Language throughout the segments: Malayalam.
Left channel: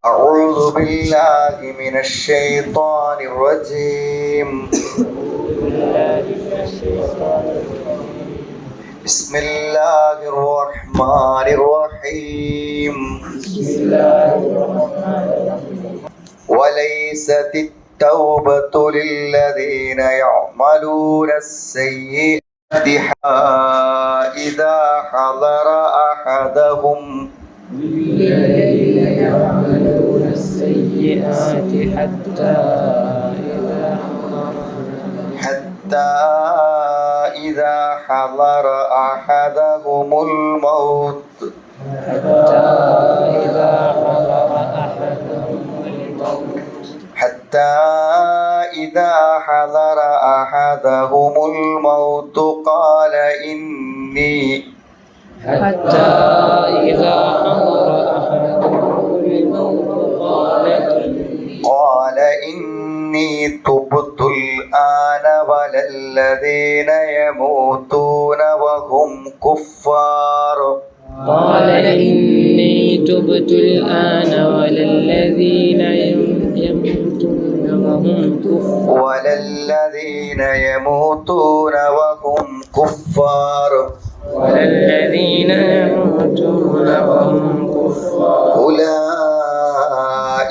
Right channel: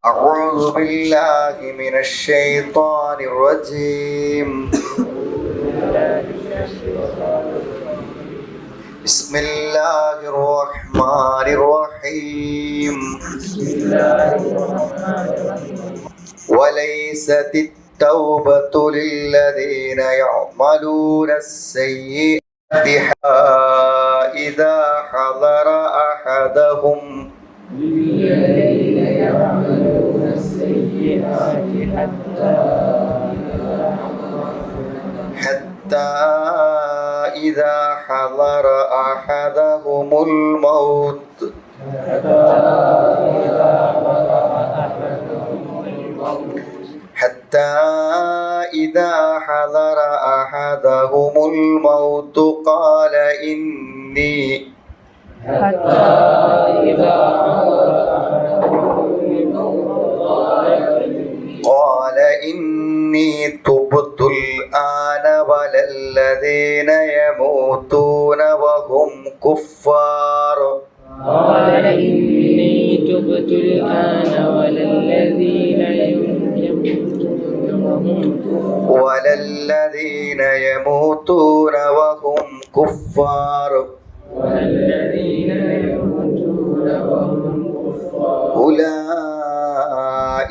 أعوذ بالله من الشيطان الرجيم. بسم الله الرحمن الرحيم. وليست التوبة للذين يعملون السيئات إذا حضر أحدهم للذين يعملون السيئات حتى حتى إذا حضر أحدهم الموت. حتى إذا حضر أحدهم الموت قال إني حتى إذا إني تبت الآن ولا الذين يموتون وهم كفار. قال إني تبت الآن وللذين يموتون وهم كفار ولا الذين يموتون وهم كفار. وللذين يموتون وهم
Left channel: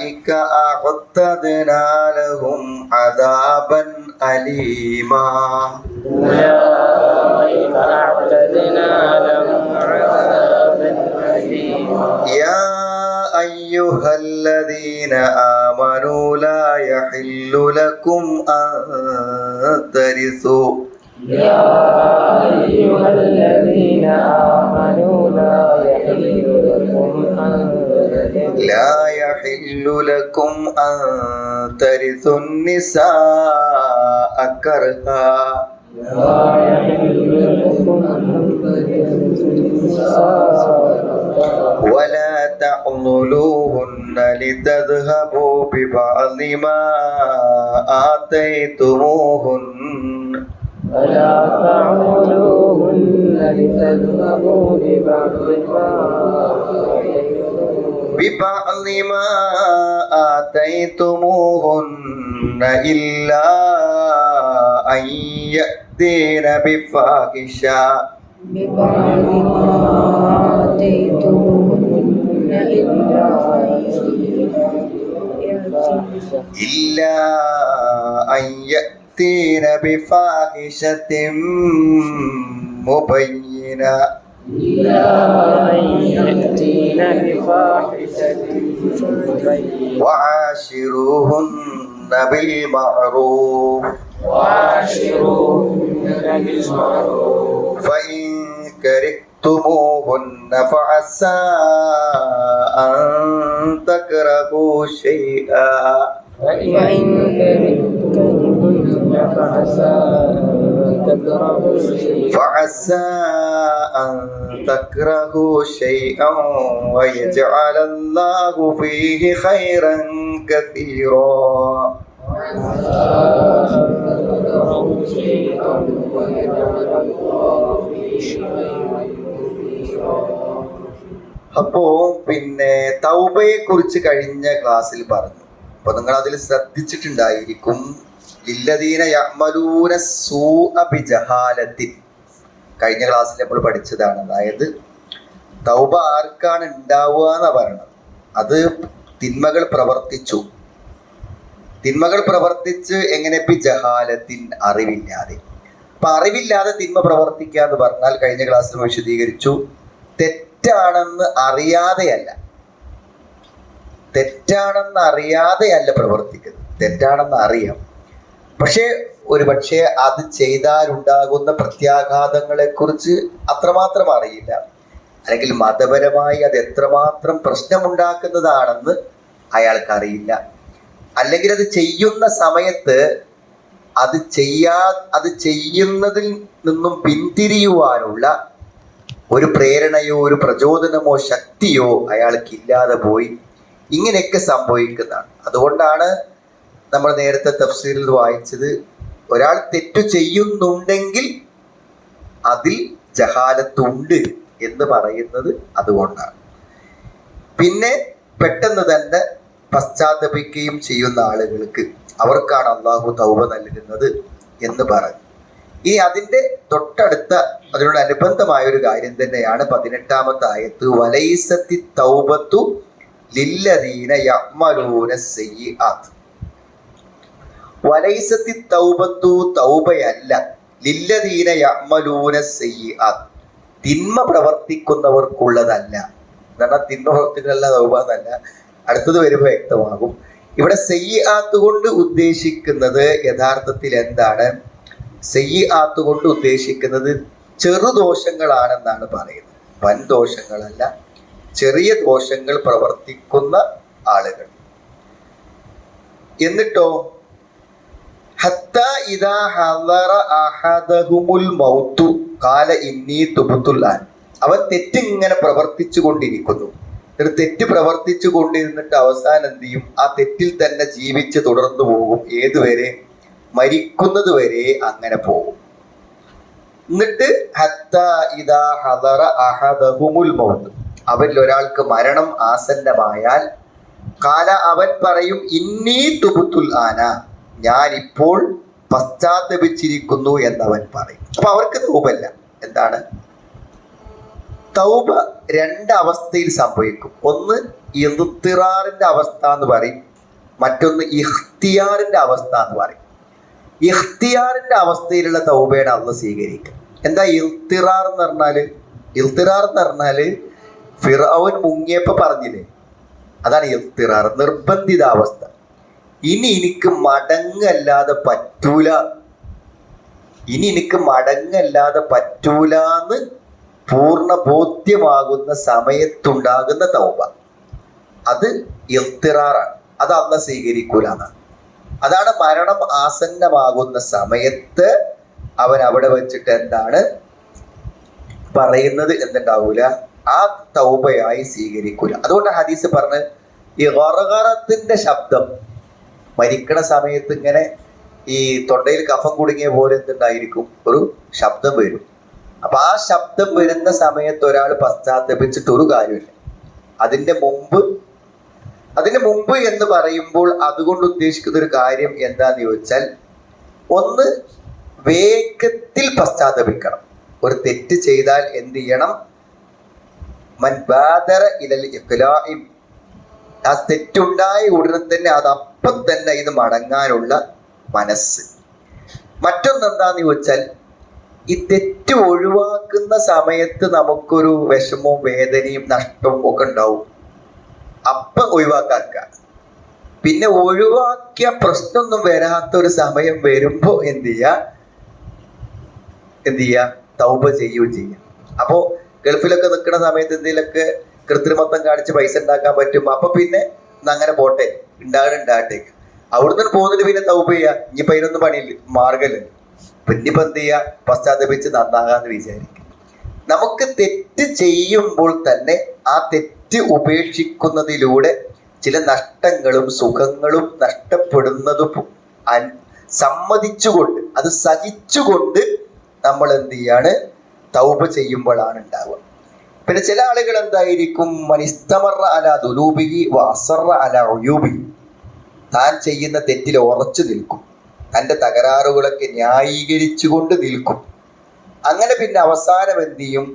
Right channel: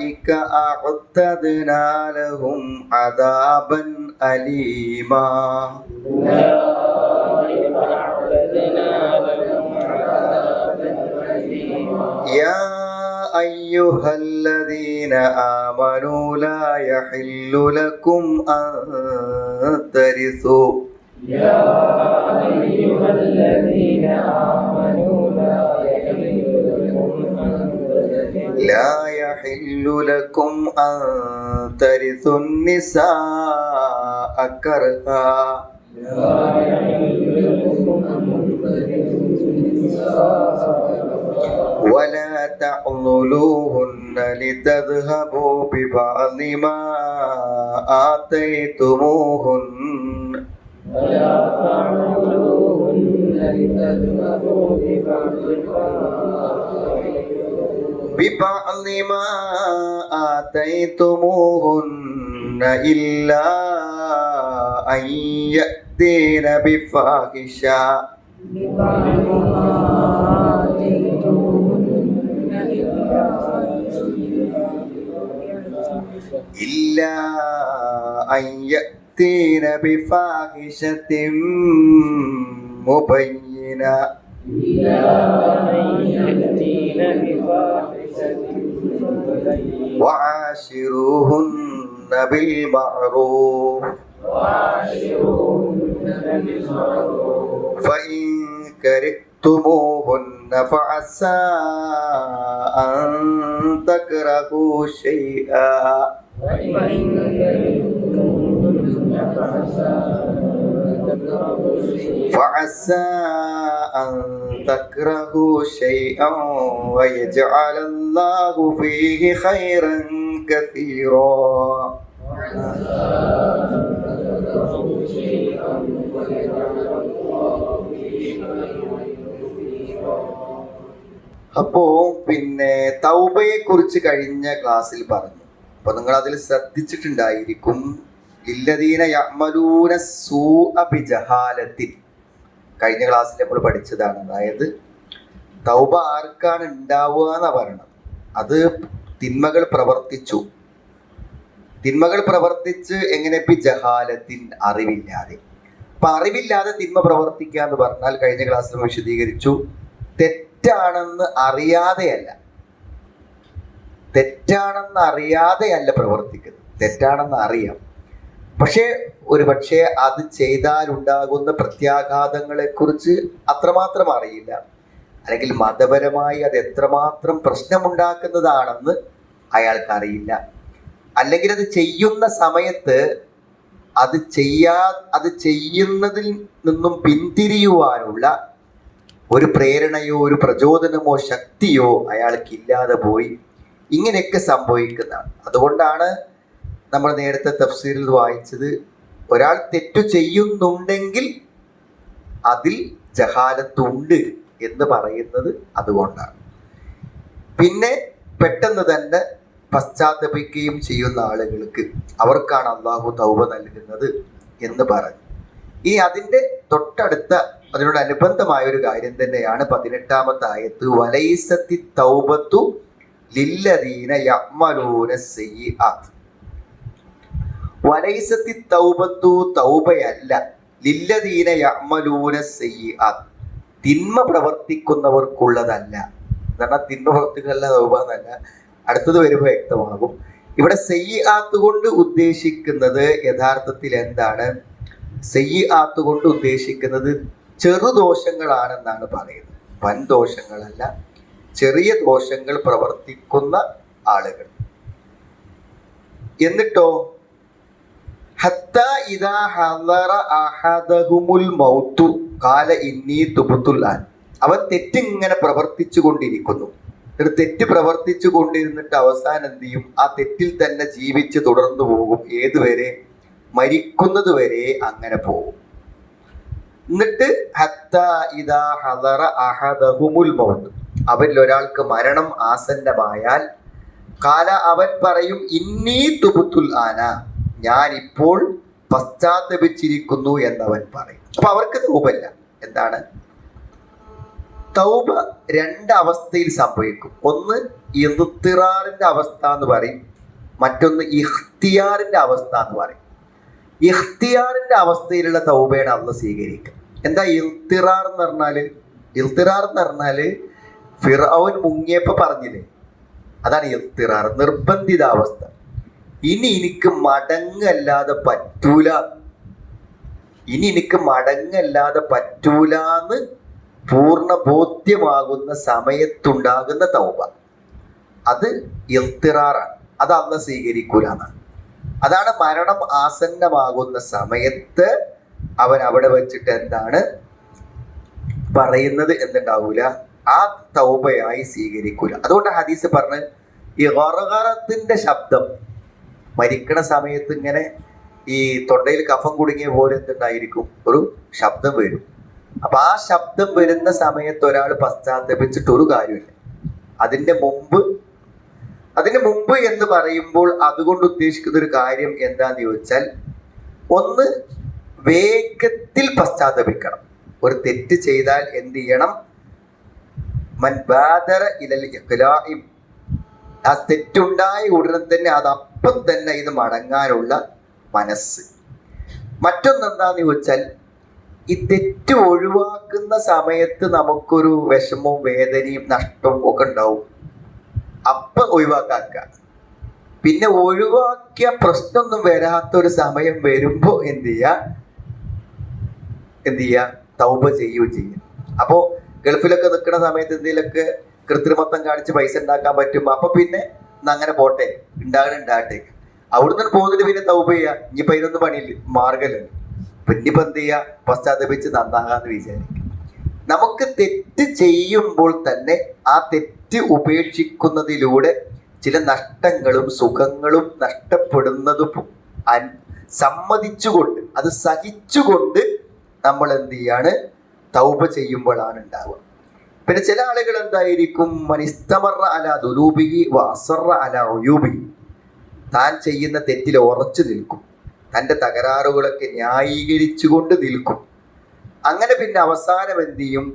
أولئك أعتدنا لهم عذابا أليما. أولئك أعتدنا لهم عذابا أليما. يا أيها الذين آمنوا لا يحل لكم أن ترثوا. يا أيها الذين آمنوا لا يحل لكم أن لا يحل لكم أن ترثوا النساء كرها. ولا تعضلوهن لتذهبوا ببعض ما آتيتموهن. ولا تعملوهن لتذهبوا ببعض ما ببعض ما آتيتموهن إلا أن يأتين بفاحشة. ببعض ما آتيتموهن إلا إلا أن يأتين بفاحشة مبينة. إلا أن يأتين بفاحشة مبينة وعاشروهن بالمعروف وعاشروهن بالمعروف. فإن كرهتموهن فعسى أن تكرهوا شيئا. فإن كرهتموهن فعسى أن تكرهوا شيئا فعسى أن تكرهوا شيئا ويجعل الله فيه خيرا كثيرا അപ്പോ പിന്നെ തൗബയെ കുറിച്ച് കഴിഞ്ഞ ക്ലാസ്സിൽ പറഞ്ഞു അപ്പൊ നിങ്ങൾ അതിൽ ശ്രദ്ധിച്ചിട്ടുണ്ടായിരിക്കും കഴിഞ്ഞ ക്ലാസ്സിൽ നമ്മൾ പഠിച്ചതാണ്. അതായത് തൗബ ആർക്കാണ് ഉണ്ടാവുക എന്നാ പറയണത്. അത് തിന്മകൾ പ്രവർത്തിച്ചു. തിന്മകൾ പ്രവർത്തിച്ച് എങ്ങനെ പി ജഹാലത്തിൻ അറിവില്ലാതെ. അപ്പൊ അറിവില്ലാതെ തിന്മ പ്രവർത്തിക്കുക എന്ന് പറഞ്ഞാൽ കഴിഞ്ഞ ക്ലാസ്സിൽ വിശദീകരിച്ചു തെറ്റാണെന്ന് അറിയാതെയല്ല. തെറ്റാണെന്ന് അറിയാതെയല്ല പ്രവർത്തിക്കുന്നത്. തെറ്റാണെന്ന് അറിയാം. പക്ഷേ ഒരു പക്ഷേ അത് ചെയ്താലുണ്ടാകുന്ന പ്രത്യാഘാതങ്ങളെ കുറിച്ച് അത്രമാത്രം അറിയില്ല. അല്ലെങ്കിൽ മതപരമായി അത് എത്രമാത്രം പ്രശ്നമുണ്ടാക്കുന്നതാണെന്ന് അയാൾക്ക് അറിയില്ല അല്ലെങ്കിൽ അത് ചെയ്യുന്ന സമയത്ത് അത് ചെയ്യാ അത് ചെയ്യുന്നതിൽ നിന്നും പിന്തിരിയുവാനുള്ള ഒരു പ്രേരണയോ ഒരു പ്രചോദനമോ ശക്തിയോ അയാൾക്ക് ഇല്ലാതെ പോയി. ഇങ്ങനെയൊക്കെ സംഭവിക്കുന്നതാണ്. അതുകൊണ്ടാണ് നമ്മൾ നേരത്തെ തഫ്സീലിൽ വായിച്ചത് ഒരാൾ തെറ്റു ചെയ്യുന്നുണ്ടെങ്കിൽ അതിൽ ജഹാലത്തുണ്ട് എന്ന് പറയുന്നത് അതുകൊണ്ടാണ്. പിന്നെ പെട്ടെന്ന് തന്നെ പശ്ചാത്തപിക്കുകയും ചെയ്യുന്ന ആളുകൾക്ക് അവർക്കാണ് അള്ളാഹു തൗബ നൽകുന്നത് എന്ന് പറഞ്ഞു. ഈ അതിന്റെ തൊട്ടടുത്ത അതിനോട് അനുബന്ധമായ ഒരു കാര്യം തന്നെയാണ് പതിനെട്ടാമത്തെ ആയത്ത് വലൈസത്തി തൗബത്തു ലില്ലദീന യഅ്മലൂന സയ്യിആത്ത് വലൈസത്തി തൗബത്തു തൗബയല്ല. ലില്ലദീന യഅ്മലൂന സയ്യിആത്ത് തിന്മ പ്രവർത്തിക്കുന്നവർക്കുള്ളതല്ല. എന്നാൽ തിന്മ പ്രവർത്തിക്കുന്നല്ല തൗബ എന്നല്ല. അടുത്തത് വരുമ്പോൾ വ്യക്തമാകും. ഇവിടെ സയ്യാത്ത് കൊണ്ട് ഉദ്ദേശിക്കുന്നത് യഥാർത്ഥത്തിൽ എന്താണ്? സയ്യാത്ത് കൊണ്ട് ഉദ്ദേശിക്കുന്നത് ചെറുദോഷങ്ങളാണെന്നാണ് പറയുന്നത്. വൻ ദോഷങ്ങളല്ല ചെറിയ ദോഷങ്ങൾ പ്രവർത്തിക്കുന്ന ആളുകൾ. എന്നിട്ടോ? ഹത്ത ഇദാ ഹദറ അഹദഹുമുൽ മൗത്തു. കാല ഇന്നി തുബുത്തുല്ലാൻ. അവൻ തെറ്റിങ്ങനെ പ്രവർത്തിച്ചു കൊണ്ടിരിക്കുന്നു ഒരു തെറ്റ് പ്രവർത്തിച്ചു കൊണ്ടിരുന്നിട്ട് അവസാനം എന്ത് ചെയ്യും? ആ തെറ്റിൽ തന്നെ ജീവിച്ച് തുടർന്നു പോകും. ഏതുവരെ? മരിക്കുന്നത് വരെ അങ്ങനെ പോകും. എന്നിട്ട് ഹത്ത ഇദാ ഹദറ അഹദഹുമുൽ മൗത്ത്. അവരിൽ ഒരാൾക്ക് മരണം ആസന്നമായാൽ കാല അവൻ പറയും ഇന്നീ തുബുത്തുൽ ആന. ഞാൻ ഇപ്പോൾ പശ്ചാത്തപിച്ചിരിക്കുന്നു എന്നവൻ പറയും അപ്പൊ അവർക്ക് തൗബല്ല എന്താണ്? തൗബ രണ്ട് അവസ്ഥയിൽ സംഭവിക്കും. ഒന്ന് ഇറുത്തിറാറിന്റെ അവസ്ഥ എന്ന് പറയും. മറ്റൊന്ന് ഇഖ്തിയാറിന്റെ അവസ്ഥ എന്ന് പറയും. ഇഖ്തിയാറിന്റെ അവസ്ഥയിലുള്ള തൗബയാണ് അന്ന് സ്വീകരിക്കുക. എന്താ ഇൽത്തിറാർ എന്ന് പറഞ്ഞാൽ? ഇൽത്തിറാർ എന്ന് പറഞ്ഞാൽ ഫിറോൻ മുങ്ങിയപ്പോ പറഞ്ഞില്ലേ? അതാണ് ഇൽത്തിറാർ നിർബന്ധിതാവസ്ഥ ഇനി എനിക്ക് മടങ്ങല്ലാതെ പറ്റൂല. ഇനി എനിക്ക് മടങ്ങല്ലാതെ പറ്റൂലാന്ന് പൂർണ ബോധ്യമാകുന്ന സമയത്തുണ്ടാകുന്ന തൗബ. അത് എത്തിറാറാണ് അത് അന്ന് സ്വീകരിക്കൂല എന്നാണ് അതാണ് മരണം ആസന്നമാകുന്ന സമയത്ത് അവൻ അവിടെ വെച്ചിട്ട് എന്താണ് പറയുന്നത് എന്നുണ്ടാവൂല. ആ തൗബയായി സ്വീകരിക്കൂല. അതുകൊണ്ട് ഹദീസ് പറഞ്ഞ് ഈ ഹൊറകറത്തിന്റെ ശബ്ദം മരിക്കണ സമയത്ത് ഇങ്ങനെ ഈ തൊണ്ടയിൽ കഫം കുടുങ്ങിയ പോലെ എന്തുണ്ടായിരിക്കും? ഒരു ശബ്ദം വരും. അപ്പൊ ആ ശബ്ദം വരുന്ന സമയത്ത് ഒരാൾ പശ്ചാത്തപിച്ചിട്ട് ഒരു കാര്യമില്ല. അതിന്റെ മുമ്പ് അതിന് മുമ്പ് എന്ന് പറയുമ്പോൾ അതുകൊണ്ട് ഉദ്ദേശിക്കുന്ന ഒരു കാര്യം എന്താന്ന് ചോദിച്ചാൽ ഒന്ന് വേഗത്തിൽ പശ്ചാത്തപിക്കണം. ഒരു തെറ്റ് ചെയ്താൽ എന്ത് ചെയ്യണം? മൻ ബാദറ ഇലൽ ആ തെറ്റുണ്ടായ ഉടനെ തന്നെ അത് അപ്പം തന്നെ ഇത് മടങ്ങാനുള്ള മനസ്സ്. മറ്റൊന്ന് എന്താന്ന് ചോദിച്ചാൽ ഈ തെറ്റ് ഒഴിവാക്കുന്ന സമയത്ത് നമുക്കൊരു വിഷമവും വേദനയും നഷ്ടവും ഒക്കെ ഉണ്ടാവും. അപ്പ ഒഴിവാക്കാക്ക. പിന്നെ ഒഴിവാക്കിയ പ്രശ്നമൊന്നും വരാത്ത ഒരു സമയം വരുമ്പോ എന്ത് ചെയ്യാ? എന്ത് ചെയ്യാ? തൗപ ചെയ്യുകയും ചെയ്യാം. അപ്പോ ഗൾഫിലൊക്കെ നിൽക്കുന്ന സമയത്ത് എന്തെങ്കിലുമൊക്കെ കൃത്രിമത്വം കാണിച്ച് പൈസ ഉണ്ടാക്കാൻ പറ്റും. അപ്പൊ പിന്നെ അങ്ങനെ പോട്ടെ. ഉണ്ടാകണം ഡാറ്റയ്ക്ക് അവിടുന്ന് പോകുന്നതിന് പിന്നെ തൗപ്പ് ചെയ്യാ? ഇനി അതിനൊന്നും പണിയില്ല. മാർഗമല്ല. പിന്നിപ്പോ എന്ത് ചെയ്യാ? പശ്ചാത്തപിച്ച് നന്നാകാന്ന് വിചാരിക്കും. നമുക്ക് തെറ്റ് ചെയ്യുമ്പോൾ തന്നെ ആ തെറ്റ് ഉപേക്ഷിക്കുന്നതിലൂടെ ചില നഷ്ടങ്ങളും സുഖങ്ങളും നഷ്ടപ്പെടുന്നതും സമ്മതിച്ചുകൊണ്ട് അത് സഹിച്ചുകൊണ്ട് നമ്മൾ എന്ത് ചെയ്യാണ്? തൗപ ചെയ്യുമ്പോഴാണ് ഉണ്ടാവുക പിന്നെ ചില ആളുകൾ എന്തായിരിക്കും? മനിസ്തമറ അല ദുലൂബിഹി വസറ അല ഒയൂബിഹി താൻ ചെയ്യുന്ന തെറ്റിൽ ഉറച്ചു നിൽക്കും. തന്റെ തകരാറുകളൊക്കെ ന്യായീകരിച്ചുകൊണ്ട് നിൽക്കും. അങ്ങനെ പിന്നെ അവസാനം എന്ത് ചെയ്യും?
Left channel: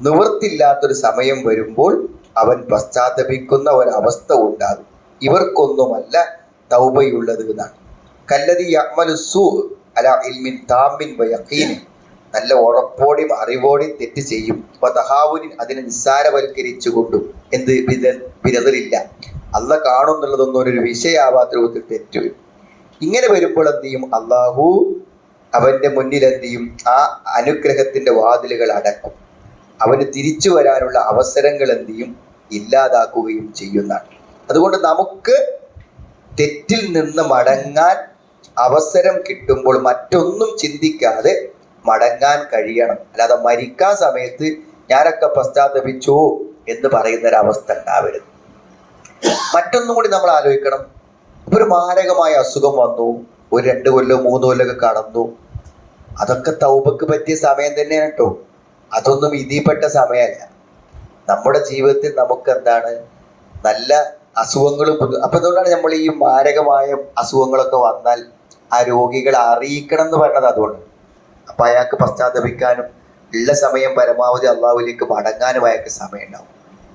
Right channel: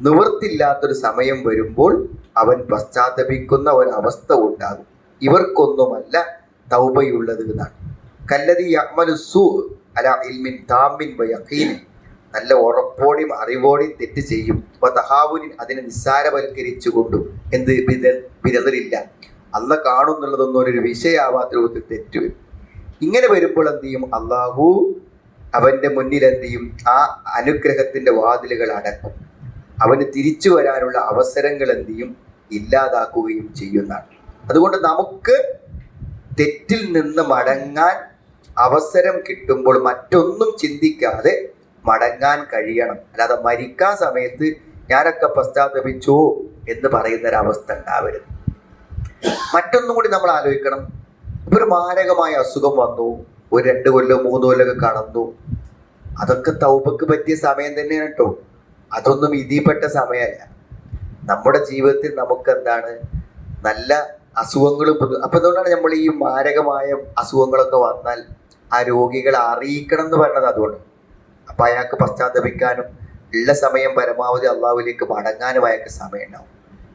നിവൃത്തില്ലാത്തൊരു സമയം വരുമ്പോൾ അവൻ പശ്ചാത്തപിക്കുന്ന ഒരവസ്ഥ ഉണ്ടാകും. ഇവർക്കൊന്നുമല്ല തൗബയുള്ളത് എന്നാണ്. കല്ലതി യഅ്മലുസ്സൂ അല ഇൽമിൻ താമിൻ വയഖീൻ നല്ല ഉറപ്പോടെയും അറിവോടെയും തെറ്റ് ചെയ്യും. അപ്പൊ തഹാവുനിൻ അതിനെ നിസ്സാരവൽക്കരിച്ചുകൊണ്ടും എന്ത് വിര- വിരതലില്ല. അല്ല കാണുന്നുള്ളതൊന്നും ഒരു വിഷയാവാത്ത രൂപത്തിൽ തെറ്റ് വരും. ഇങ്ങനെ വരുമ്പോൾ എന്ത് ചെയ്യും? അള്ളാഹു അവന്റെ മുന്നിൽ എന്ത് ചെയ്യും? ആ അനുഗ്രഹത്തിന്റെ വാതിലുകൾ അടക്കും. അവന് തിരിച്ചു വരാനുള്ള അവസരങ്ങൾ എന്ത് ചെയ്യും? ഇല്ലാതാക്കുകയും ചെയ്യുന്നതാണ്. അതുകൊണ്ട് നമുക്ക് തെറ്റിൽ നിന്ന് മടങ്ങാൻ അവസരം കിട്ടുമ്പോൾ മറ്റൊന്നും ചിന്തിക്കാതെ മടങ്ങാൻ കഴിയണം. അല്ലാതെ മരിക്കാൻ സമയത്ത് ഞാനൊക്കെ പശ്ചാത്തപിച്ചു എന്ന് പറയുന്ന ഒരു അവസ്ഥ ഉണ്ടാവരുത്. മറ്റൊന്നും കൂടി നമ്മൾ ആലോചിക്കണം. ഒരു മാരകമായ അസുഖം വന്നു. ഒരു രണ്ട് കൊല്ലം മൂന്ന് കൊല്ലമൊക്കെ കടന്നു. അതൊക്കെ തൗബക്ക് പറ്റിയ സമയം തന്നെയാണ് കേട്ടോ. അതൊന്നും വിധിപ്പെട്ട സമയമല്ല. നമ്മുടെ ജീവിതത്തിൽ നമുക്ക് എന്താണ് നല്ല അസുഖങ്ങളും അപ്പൊ അതുകൊണ്ടാണ് നമ്മൾ ഈ മാരകമായ അസുഖങ്ങളൊക്കെ വന്നാൽ ആ രോഗികളെ അറിയിക്കണം എന്ന് പറയുന്നത് അതുകൊണ്ട്. അപ്പൊ അയാൾക്ക് പശ്ചാത്തപിക്കാനും ഉള്ള സമയം പരമാവധി അള്ളാഹുവിലേക്ക് മടങ്ങാനും അയാൾക്ക് സമയം ഉണ്ടാവും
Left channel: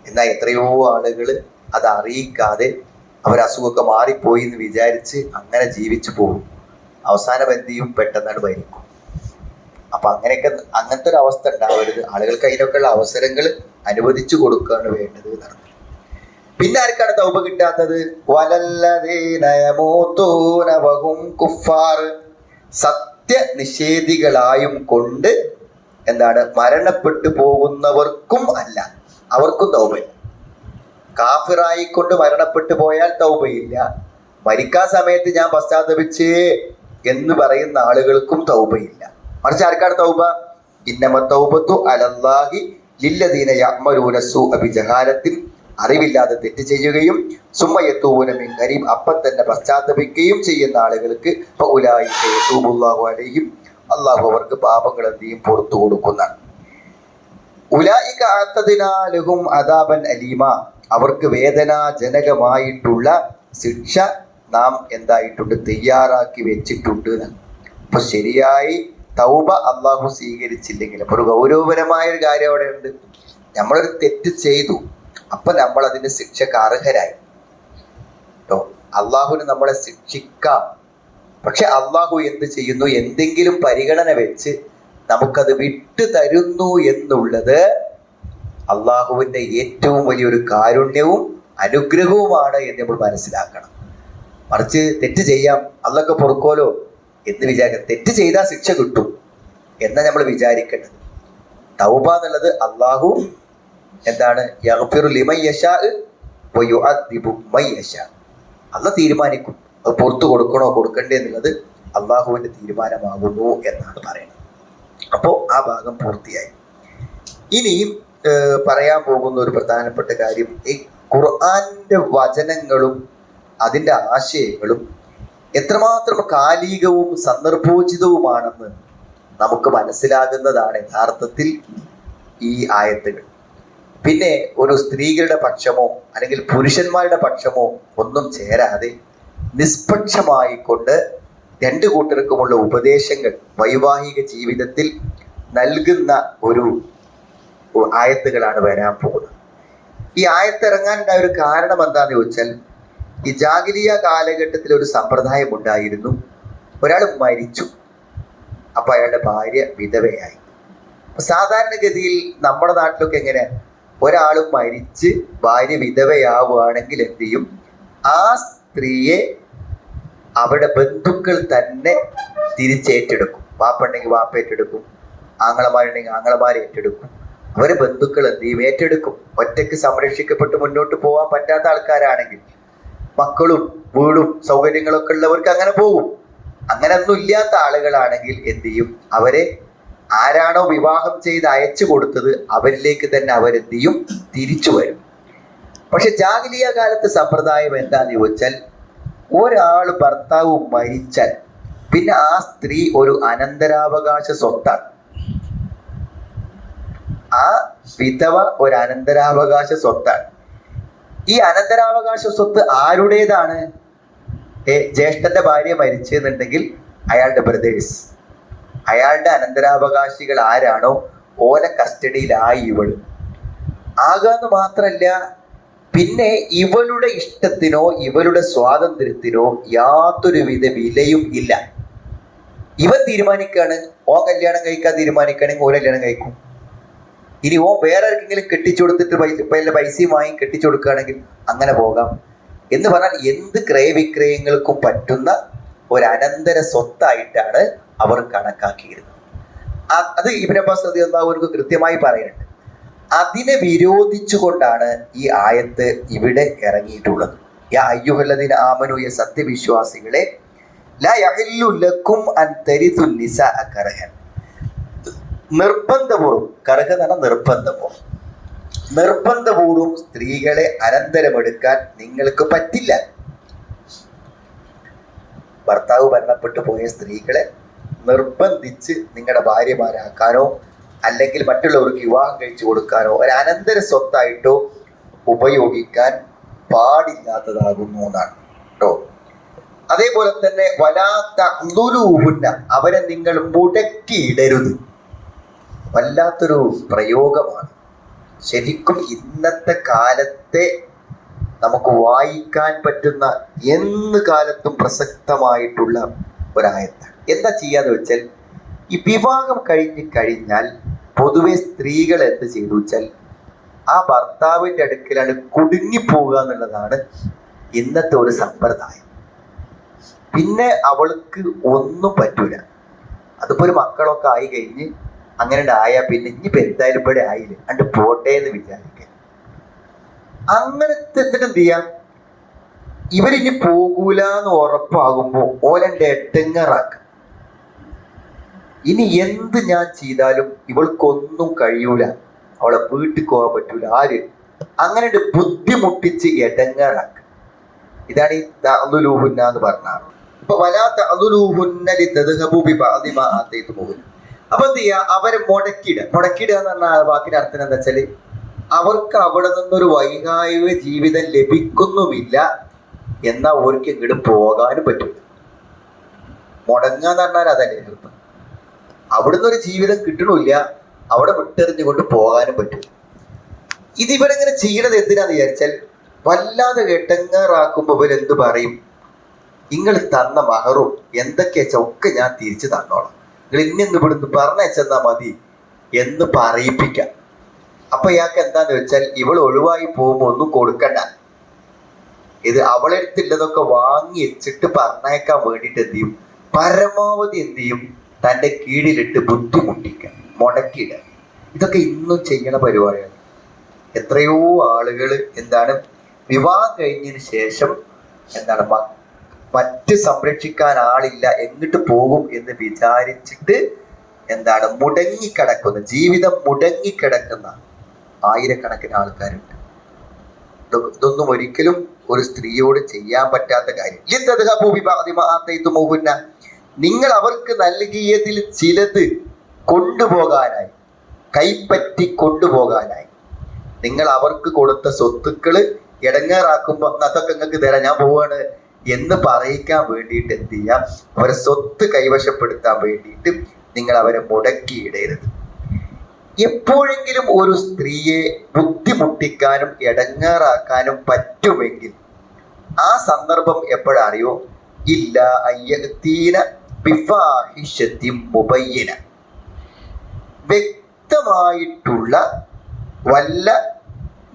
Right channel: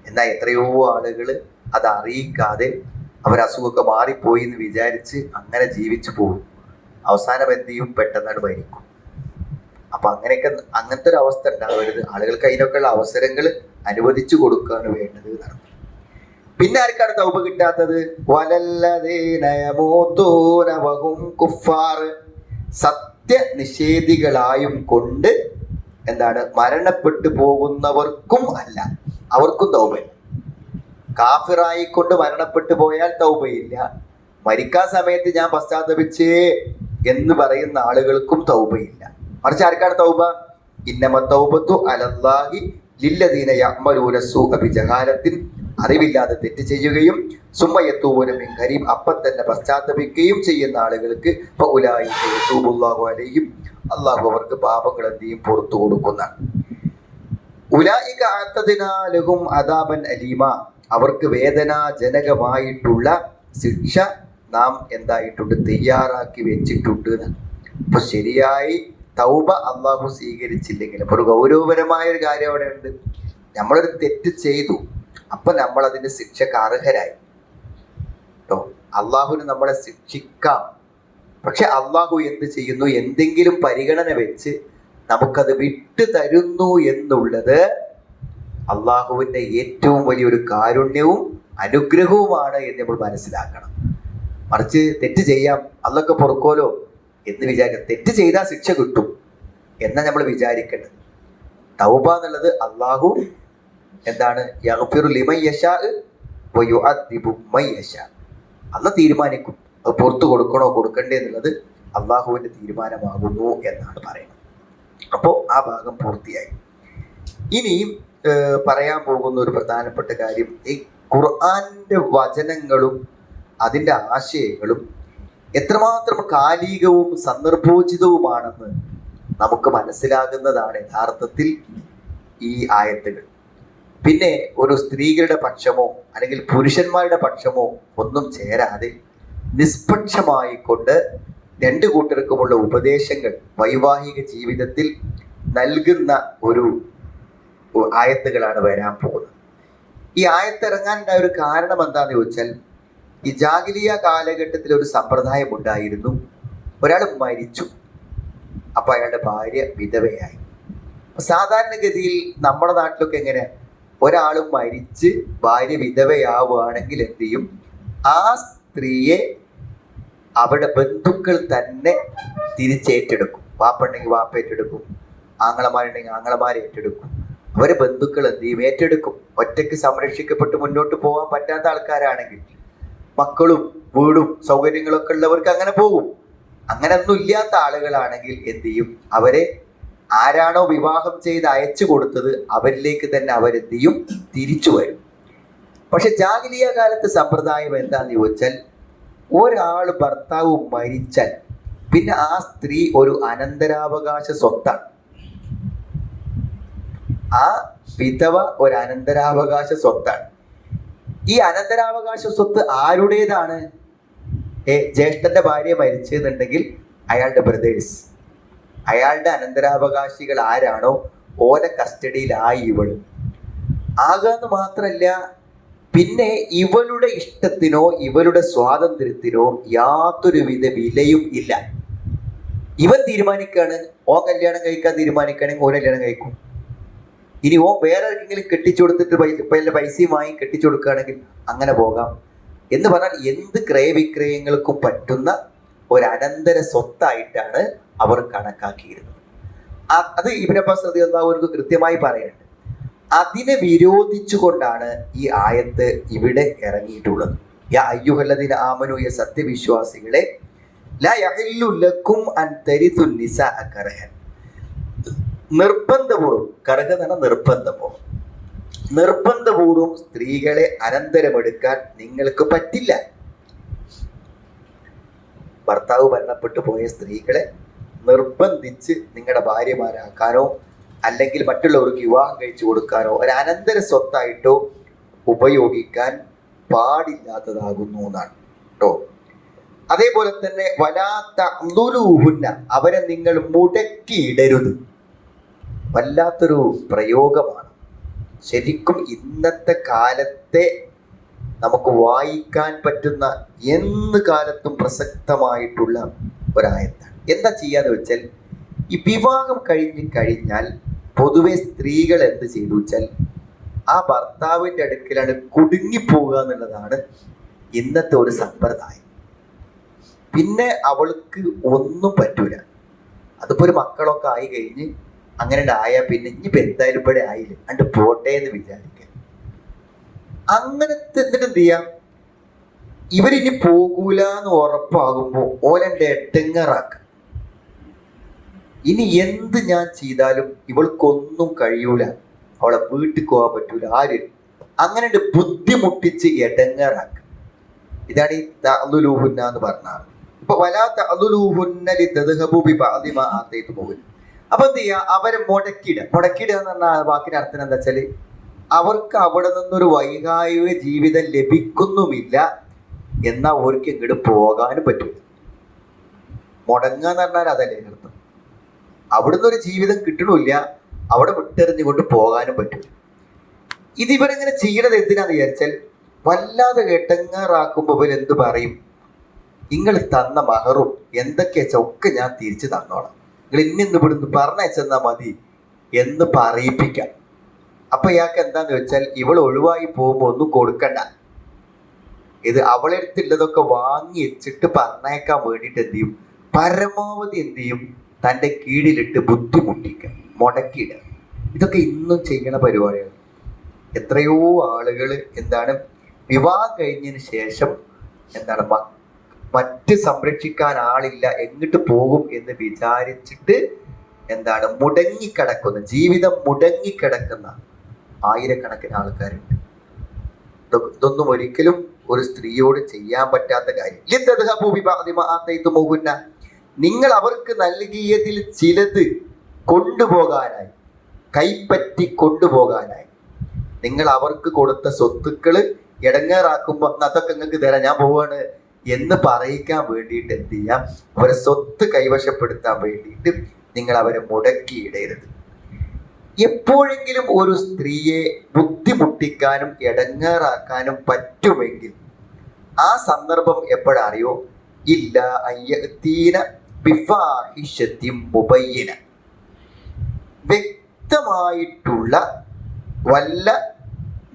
എന്നാൽ എത്രയോ ആളുകൾ അത് അറിയിക്കാതെ അവർ അസുഖമൊക്കെ മാറിപ്പോയി എന്ന് വിചാരിച്ച് അങ്ങനെ ജീവിച്ചു പോകും. അവസാനം എന്ത് ചെയ്യും? പെട്ടെന്നാണ് മരിക്കും. അപ്പൊ അങ്ങനെയൊക്കെ അങ്ങനത്തെ ഒരു അവസ്ഥ ഉണ്ടാവരുത്. ആളുകൾക്ക് അതിനൊക്കെയുള്ള അവസരങ്ങൾ അനുവദിച്ചു കൊടുക്കുകയാണ് വേണ്ടത് എന്നാണ്. പിന്നെ ആർക്കാണ് തൗബ കിട്ടാത്തത്? വലല്ലതീനയമൂത്തൂനവഹും കുഫാർ സത്യനിഷേധികളായും കൊണ്ട് എന്താണ് മരണപ്പെട്ടു പോകുന്നവർക്കും അല്ല അവർക്കും തൗബയില്ല കാഫിറായിക്കൊണ്ട് മരണപ്പെട്ടു പോയാൽ തൗബയില്ല. മരിക്കാൻ സമയത്ത് ഞാൻ പശ്ചാത്തപിച്ചേ എന്ന് പറയുന്ന ആളുകൾക്കും തൗബയില്ല. മറിച്ച് ആർക്കാണ് തൗബ? ഇന്നമ തൗബത്തു അലല്ലാഹി ലില്ലദീന യഅ്മലൂന സൂഅ ബിജഹാലത്തിൻ അറിവില്ലാതെ തെറ്റ് ചെയ്യുകയും സുമ്മയത്തൂന മിൻ കരീം അപ്പം തന്നെ പശ്ചാത്തപിക്കുകയും ചെയ്യുന്ന ആളുകൾക്ക് യതൂബുല്ലാഹു അലൈഹിം. അള്ളാഹു അവർക്ക് പാപങ്ങൾ എന്ത് ചെയ്യും പുറത്തു കൊടുക്കുന്നതാണ് ഉലായിക ആത്തതിനാലുഹും അദാബൻ അലീമ. അവർക്ക് വേദനാജനകമായിട്ടുള്ള ശിക്ഷ നാം എന്തായിട്ടുണ്ട്? തയ്യാറാക്കി വെച്ചിട്ടുണ്ട്. അപ്പൊ ശരിയായി തൗബ അള്ളാഹു സ്വീകരിച്ചില്ലെങ്കിൽ അപ്പൊ ഒരു ഗൗരവപരമായ ഒരു കാര്യം അവിടെ ഉണ്ട് നമ്മളൊരു തെറ്റ് ചെയ്തു. അപ്പൊ നമ്മൾ അതിന്റെ ശിക്ഷക്ക് അർഹരായി കേട്ടോ അള്ളാഹുവിന് നമ്മളെ ശിക്ഷിക്കാം. പക്ഷെ അള്ളാഹു എന്ത് ചെയ്യുന്നു? എന്തെങ്കിലും പരിഗണന വെച്ച് നമുക്കത് വിട്ടു തരുന്നു എന്നുള്ളത് അള്ളാഹുവിന്റെ ഏറ്റവും വലിയൊരു കാരുണ്യവും അനുഗ്രഹവുമാണ് എന്ന് നമ്മൾ മനസ്സിലാക്കണം. മറിച്ച് തെറ്റ് ചെയ്യാം അതൊക്കെ പൊറുക്കോലോ എന്ന് വിചാരിക്കാം തെറ്റ് ചെയ്താൽ ശിക്ഷ കിട്ടും എന്നാ നമ്മൾ വിചാരിക്കേണ്ടത്. തൗബ എന്നുള്ളത് അള്ളാഹു എന്താണ്? യശാ. അല്ല തീരുമാനിക്കും. അത് പുറത്തു കൊടുക്കണോ കൊടുക്കണ്ടേ എന്നുള്ളത് അള്ളാഹുവിന്റെ തീരുമാനമാകുന്നു എന്നാണ് പറയുന്നത്. അപ്പോൾ ആ ഭാഗം പൂർത്തിയായി. ഇനിയും പറയാൻ പോകുന്ന ഒരു പ്രധാനപ്പെട്ട കാര്യം ഈ ഖുർആന്റെ വചനങ്ങളും അതിന്റെ ആശയങ്ങളും എത്രമാത്രം കാലികവും സന്ദർഭോചിതവുമാണെന്ന് നമുക്ക് മനസ്സിലാകുന്നതാണ് യഥാർത്ഥത്തിൽ ഈ ആയത്തുകൾ. പിന്നെ ഒരു സ്ത്രീകളുടെ പക്ഷമോ അല്ലെങ്കിൽ പുരുഷന്മാരുടെ പക്ഷമോ ഒന്നും ചേരാതെ നിഷ്പക്ഷമായിക്കൊണ്ട് രണ്ട് കൂട്ടർക്കുമുള്ള ഉപദേശങ്ങൾ വൈവാഹിക ജീവിതത്തിൽ നൽകുന്ന ഒരു ആയത്തുകളാണ് വരാൻ പോകുന്നത്. ഈ ആയത്തിറങ്ങാനുണ്ടായ ഒരു കാരണം എന്താണെന്ന് ചോദിച്ചാൽ ഈ ജാഗിലിയ കാലഘട്ടത്തിൽ ഒരു സമ്പ്രദായം ഉണ്ടായിരുന്നു. ഒരാൾ മരിച്ചു. അപ്പൊ അയാളുടെ ഭാര്യ വിധവയായി. സാധാരണഗതിയിൽ നമ്മുടെ നാട്ടിലൊക്കെ എങ്ങനെ ഒരാൾ മരിച്ച് ഭാര്യ വിധവയാവുകയാണെങ്കിൽ എന്ത് ചെയ്യും? ആ സ്ത്രീയെ അവിടെ ബന്ധുക്കൾ തന്നെ തിരിച്ചേറ്റെടുക്കും. വാപ്പുണ്ടെങ്കിൽ വാപ്പ ഏറ്റെടുക്കും. ആങ്ങളമാരുണ്ടെങ്കിൽ ആങ്ങളമാരെ ഏറ്റെടുക്കും. അവർ ബന്ധുക്കൾ എന്ത് ചെയ്യും? ഏറ്റെടുക്കും. ഒറ്റയ്ക്ക് സംരക്ഷിക്കപ്പെട്ട് മുന്നോട്ട് പോകാൻ പറ്റാത്ത ആൾക്കാരാണെങ്കിൽ മക്കളും വീടും സൗകര്യങ്ങളൊക്കെ ഉള്ളവർക്ക് അങ്ങനെ പോകും അങ്ങനെ ഒന്നും ഇല്ലാത്ത ആളുകളാണെങ്കിൽ എന്ത് ചെയ്യും? അവരെ ആരാണോ വിവാഹം ചെയ്ത് അയച്ചു കൊടുത്തത് അവരിലേക്ക് തന്നെ അവരെന്ത് തിരിച്ചു വരും. പക്ഷെ ജാഗലിയ കാലത്തെ സമ്പ്രദായം എന്താന്ന് ചോദിച്ചാൽ ഒരാൾ ഭർത്താവ് മരിച്ചാൽ പിന്നെ ആ സ്ത്രീ ഒരു അനന്തരാവകാശ സ്വത്താണ്. ആ വിധവ ഒരു അനന്തരാവകാശ സ്വത്താണ്. ഈ അനന്തരാവകാശ സ്വത്ത് ആരുടേതാണ്? ഏ ജ്യേഷ്ഠന്റെ ഭാര്യ മരിച്ചെന്നുണ്ടെങ്കിൽ അയാളുടെ ബ്രദേഴ്സ്. അയാളുടെ അനന്തരാവകാശികൾ ആരാണോ ഓലെ കസ്റ്റഡിയിലായി ഇവൾ ആകാന്ന് മാത്രല്ല പിന്നെ ഇവളുടെ ഇഷ്ടത്തിനോ ഇവളുടെ സ്വാതന്ത്ര്യത്തിനോ യാതൊരുവിധ വിലയും ഇല്ല. ഇവൻ തീരുമാനിക്കാണ് ഓ കല്യാണം കഴിക്കാൻ തീരുമാനിക്കുകയാണെങ്കിൽ ഓ കല്യാണം കഴിക്കും. ഇനി ഓ വേറെ ആർക്കെങ്കിലും കെട്ടിച്ചു കൊടുത്തിട്ട് പൈസ പൈസയും വാങ്ങി കെട്ടിച്ചു കൊടുക്കുകയാണെങ്കിൽ അങ്ങനെ പോകാം. എന്ന് പറഞ്ഞാൽ എന്ത് ക്രയവിക്രയങ്ങൾക്കും പറ്റുന്ന ഒരു അനന്തര സ്വത്തായിട്ടാണ് അവർ കണക്കാക്കിയിരുന്നു. അത് റതി അള്ളാഹുവിനക്ക് കൃത്യമായി പറയുന്നുണ്ട്. അതിനെ വിരോധിച്ചുകൊണ്ടാണ് ഈ ആയത്ത് ഇവിടെ ഇറങ്ങിയിട്ടുള്ളത്. യാ അയ്യുഹല്ലദീന ആമനു യ സത്യവിശ്വാസികളെ ലക്കും നിർബന്ധപൂർവം കറഹ എന്ന് നിർബന്ധപൂർവം. നിർബന്ധപൂർവം സ്ത്രീകളെ അനന്തരമെടുക്കാൻ നിങ്ങൾക്ക് പറ്റില്ല. ഭർത്താവ് മരണപ്പെട്ടു പോയ സ്ത്രീകളെ നിർബന്ധിച്ച് നിങ്ങളുടെ ഭാര്യമാരാക്കാനോ അല്ലെങ്കിൽ മറ്റുള്ളവർക്ക് വിവാഹം കഴിച്ചു കൊടുക്കാനോ ഒരു അനന്തര സ്വത്തായിട്ടോ ഉപയോഗിക്കാൻ പാടില്ലാത്തതാകുന്നു എന്നാണ് കേട്ടോ. അതേപോലെ തന്നെ വലാത്ത ലുലൂഹുന്ന അവരെ നിങ്ങൾ മുടക്കിയിടരുത്. വല്ലാത്തൊരു പ്രയോഗമാണ്. ശരിക്കും ഇന്നത്തെ കാലത്തെ നമുക്ക് വായിക്കാൻ പറ്റുന്ന എന്ത് കാലത്തും പ്രസക്തമായിട്ടുള്ള ഒരായത്താണ്. എന്താ ചെയ്യാന്ന് വെച്ചാൽ ഈ വിവാഹം കഴിഞ്ഞ് കഴിഞ്ഞാൽ പൊതുവെ സ്ത്രീകൾ എന്ത് ചെയ്തു വെച്ചാൽ ആ ഭർത്താവിന്റെ അടുക്കലാണ് കുടുങ്ങിപ്പോവുക എന്നുള്ളതാണ് ഇന്നത്തെ ഒരു സമ്പ്രദായം. പിന്നെ അവൾക്ക് ഒന്നും പറ്റൂല. അതിപ്പോ ഒരു മക്കളൊക്കെ ആയി കഴിഞ്ഞ് അങ്ങനെ ആയാൽ പിന്നെ ഇനിയിപ്പോ എന്തായാലും ഇവിടെ ആയില്ലേ. അണ്ട് പോട്ടെ എന്ന് വിചാരിക്കുക. അങ്ങനത്തെ എന്നിട്ട് എന്ത് ചെയ്യാം? ഇവരിനി പോകൂല എന്ന് ഉറപ്പാകുമ്പോ ഓലന്റെ എട്ടങ്ങറാക്കുക ഇനി എന്ത് ഞാൻ ചെയ്താലും ഇവൾക്കൊന്നും കഴിയൂല. അവളെ വീട്ടിൽ പോകാൻ പറ്റൂല. ആര്? അങ്ങനെ ബുദ്ധിമുട്ടിച്ച് എടങ്ങാറാക്കുക ഇതാണ് ഈ തഅലുലൂഹുന്ന എന്ന് പറഞ്ഞാൽ ഇപ്പൊ വലാ തഅലുലൂഹുന്നലി തദ്ഹബു ബി ബഅദി മാ അപ്പൊ എന്ത് ചെയ്യുക അവരെ മുടക്കിയിട. മുടക്കിയിടുക എന്ന് പറഞ്ഞാൽ വാക്കിന്റെ അർത്ഥം എന്താ വെച്ചാൽ അവർക്ക് അവിടെ നിന്നൊരു വൈകായിക ജീവിതം ലഭിക്കുന്നുമില്ല എന്നാ അവർക്ക് ഇങ്ങോട്ട് പോകാനും പറ്റില്ല മുടങ്ങാന്ന് പറഞ്ഞാൽ അതല്ലേ അർത്ഥം. അവിടുന്ന് ഒരു ജീവിതം കിട്ടണില്ല അവിടെ വിട്ടെറിഞ്ഞുകൊണ്ട് പോകാനും പറ്റില്ല ഇത് ഇവരെങ്ങനെ ചെയ്യണത് എന്തിനാന്ന് വിചാരിച്ചാൽ വല്ലാതെ എട്ടങ്ങാറാക്കുമ്പോൾ ഇവരെന്ത് പറയും? നിങ്ങൾ തന്ന മഹറും എന്തൊക്കെയാ ഒക്കെ ഞാൻ തിരിച്ചു തന്നോളാം. നിങ്ങൾ ഇന്നിന്ന് ഇവിടുന്ന് പറഞ്ഞാൽ മതി എന്ന് പറയിപ്പിക്കാം. അപ്പൊ ഇയാൾക്ക് എന്താന്ന് വെച്ചാൽ ഇവൾ ഒഴിവായി പോകുമ്പോൾ ഒന്നും കൊടുക്കണ്ട. ഇത് അവളെടുത്തുള്ളതൊക്കെ വാങ്ങി വെച്ചിട്ട് പറഞ്ഞേക്കാൻ വേണ്ടിയിട്ട് എന്ത് ചെയ്യും? പരമാവധി എന്ത് ചെയ്യും? തന്റെ കീഴിലിട്ട് ബുദ്ധിമുട്ടിക്കുക മുടക്കിയിടുക. ഇതൊക്കെ ഇന്നും ചെയ്യുന്ന പരിപാടിയാണ്. എത്രയോ ആളുകൾ എന്താണ് വിവാഹം കഴിഞ്ഞതിന് ശേഷം എന്താണ് മറ്റ് സംരക്ഷിക്കാൻ ആളില്ല എങ്ങോട്ട് പോകും എന്ന് വിചാരിച്ചിട്ട് എന്താണ് മുടങ്ങിക്കിടക്കുന്ന ജീവിതം മുടങ്ങിക്കിടക്കുന്ന ആയിരക്കണക്കിന് ആൾക്കാരുണ്ട്. ഇതൊ- ഇതൊന്നും ഒരിക്കലും ഒരു സ്ത്രീയോട് ചെയ്യാൻ പറ്റാത്ത കാര്യം. നിങ്ങൾ അവർക്ക് നൽകിയതിൽ ചിലത് കൊണ്ടുപോകാനായി കൈപ്പറ്റി കൊണ്ടുപോകാനായി. നിങ്ങൾ അവർക്ക് കൊടുത്ത സ്വത്തുക്കൾ ഇടങ്ങേറാക്കുമ്പോൾ അതൊക്കെ നിങ്ങൾക്ക് തരാം ഞാൻ പോവാണ് എന്ന് പറയിക്കാൻ വേണ്ടിയിട്ട് എന്ത് ചെയ്യാം? അവരെ സ്വത്ത് കൈവശപ്പെടുത്താൻ വേണ്ടിയിട്ട് നിങ്ങൾ അവരെ മുടക്കിയിടരുത് എപ്പോഴെങ്കിലും ഒരു സ്ത്രീയെ ബുദ്ധിമുട്ടിക്കാനും ഇടങ്ങാറാക്കാനും പറ്റുമെങ്കിൽ ആ സന്ദർഭം എപ്പോഴറിയോ? ഇല്ല അയ്യത്തീന ബിഫാഹിഷത്തി മുബയ്യന വ്യക്തമായിട്ടുള്ള വല്ല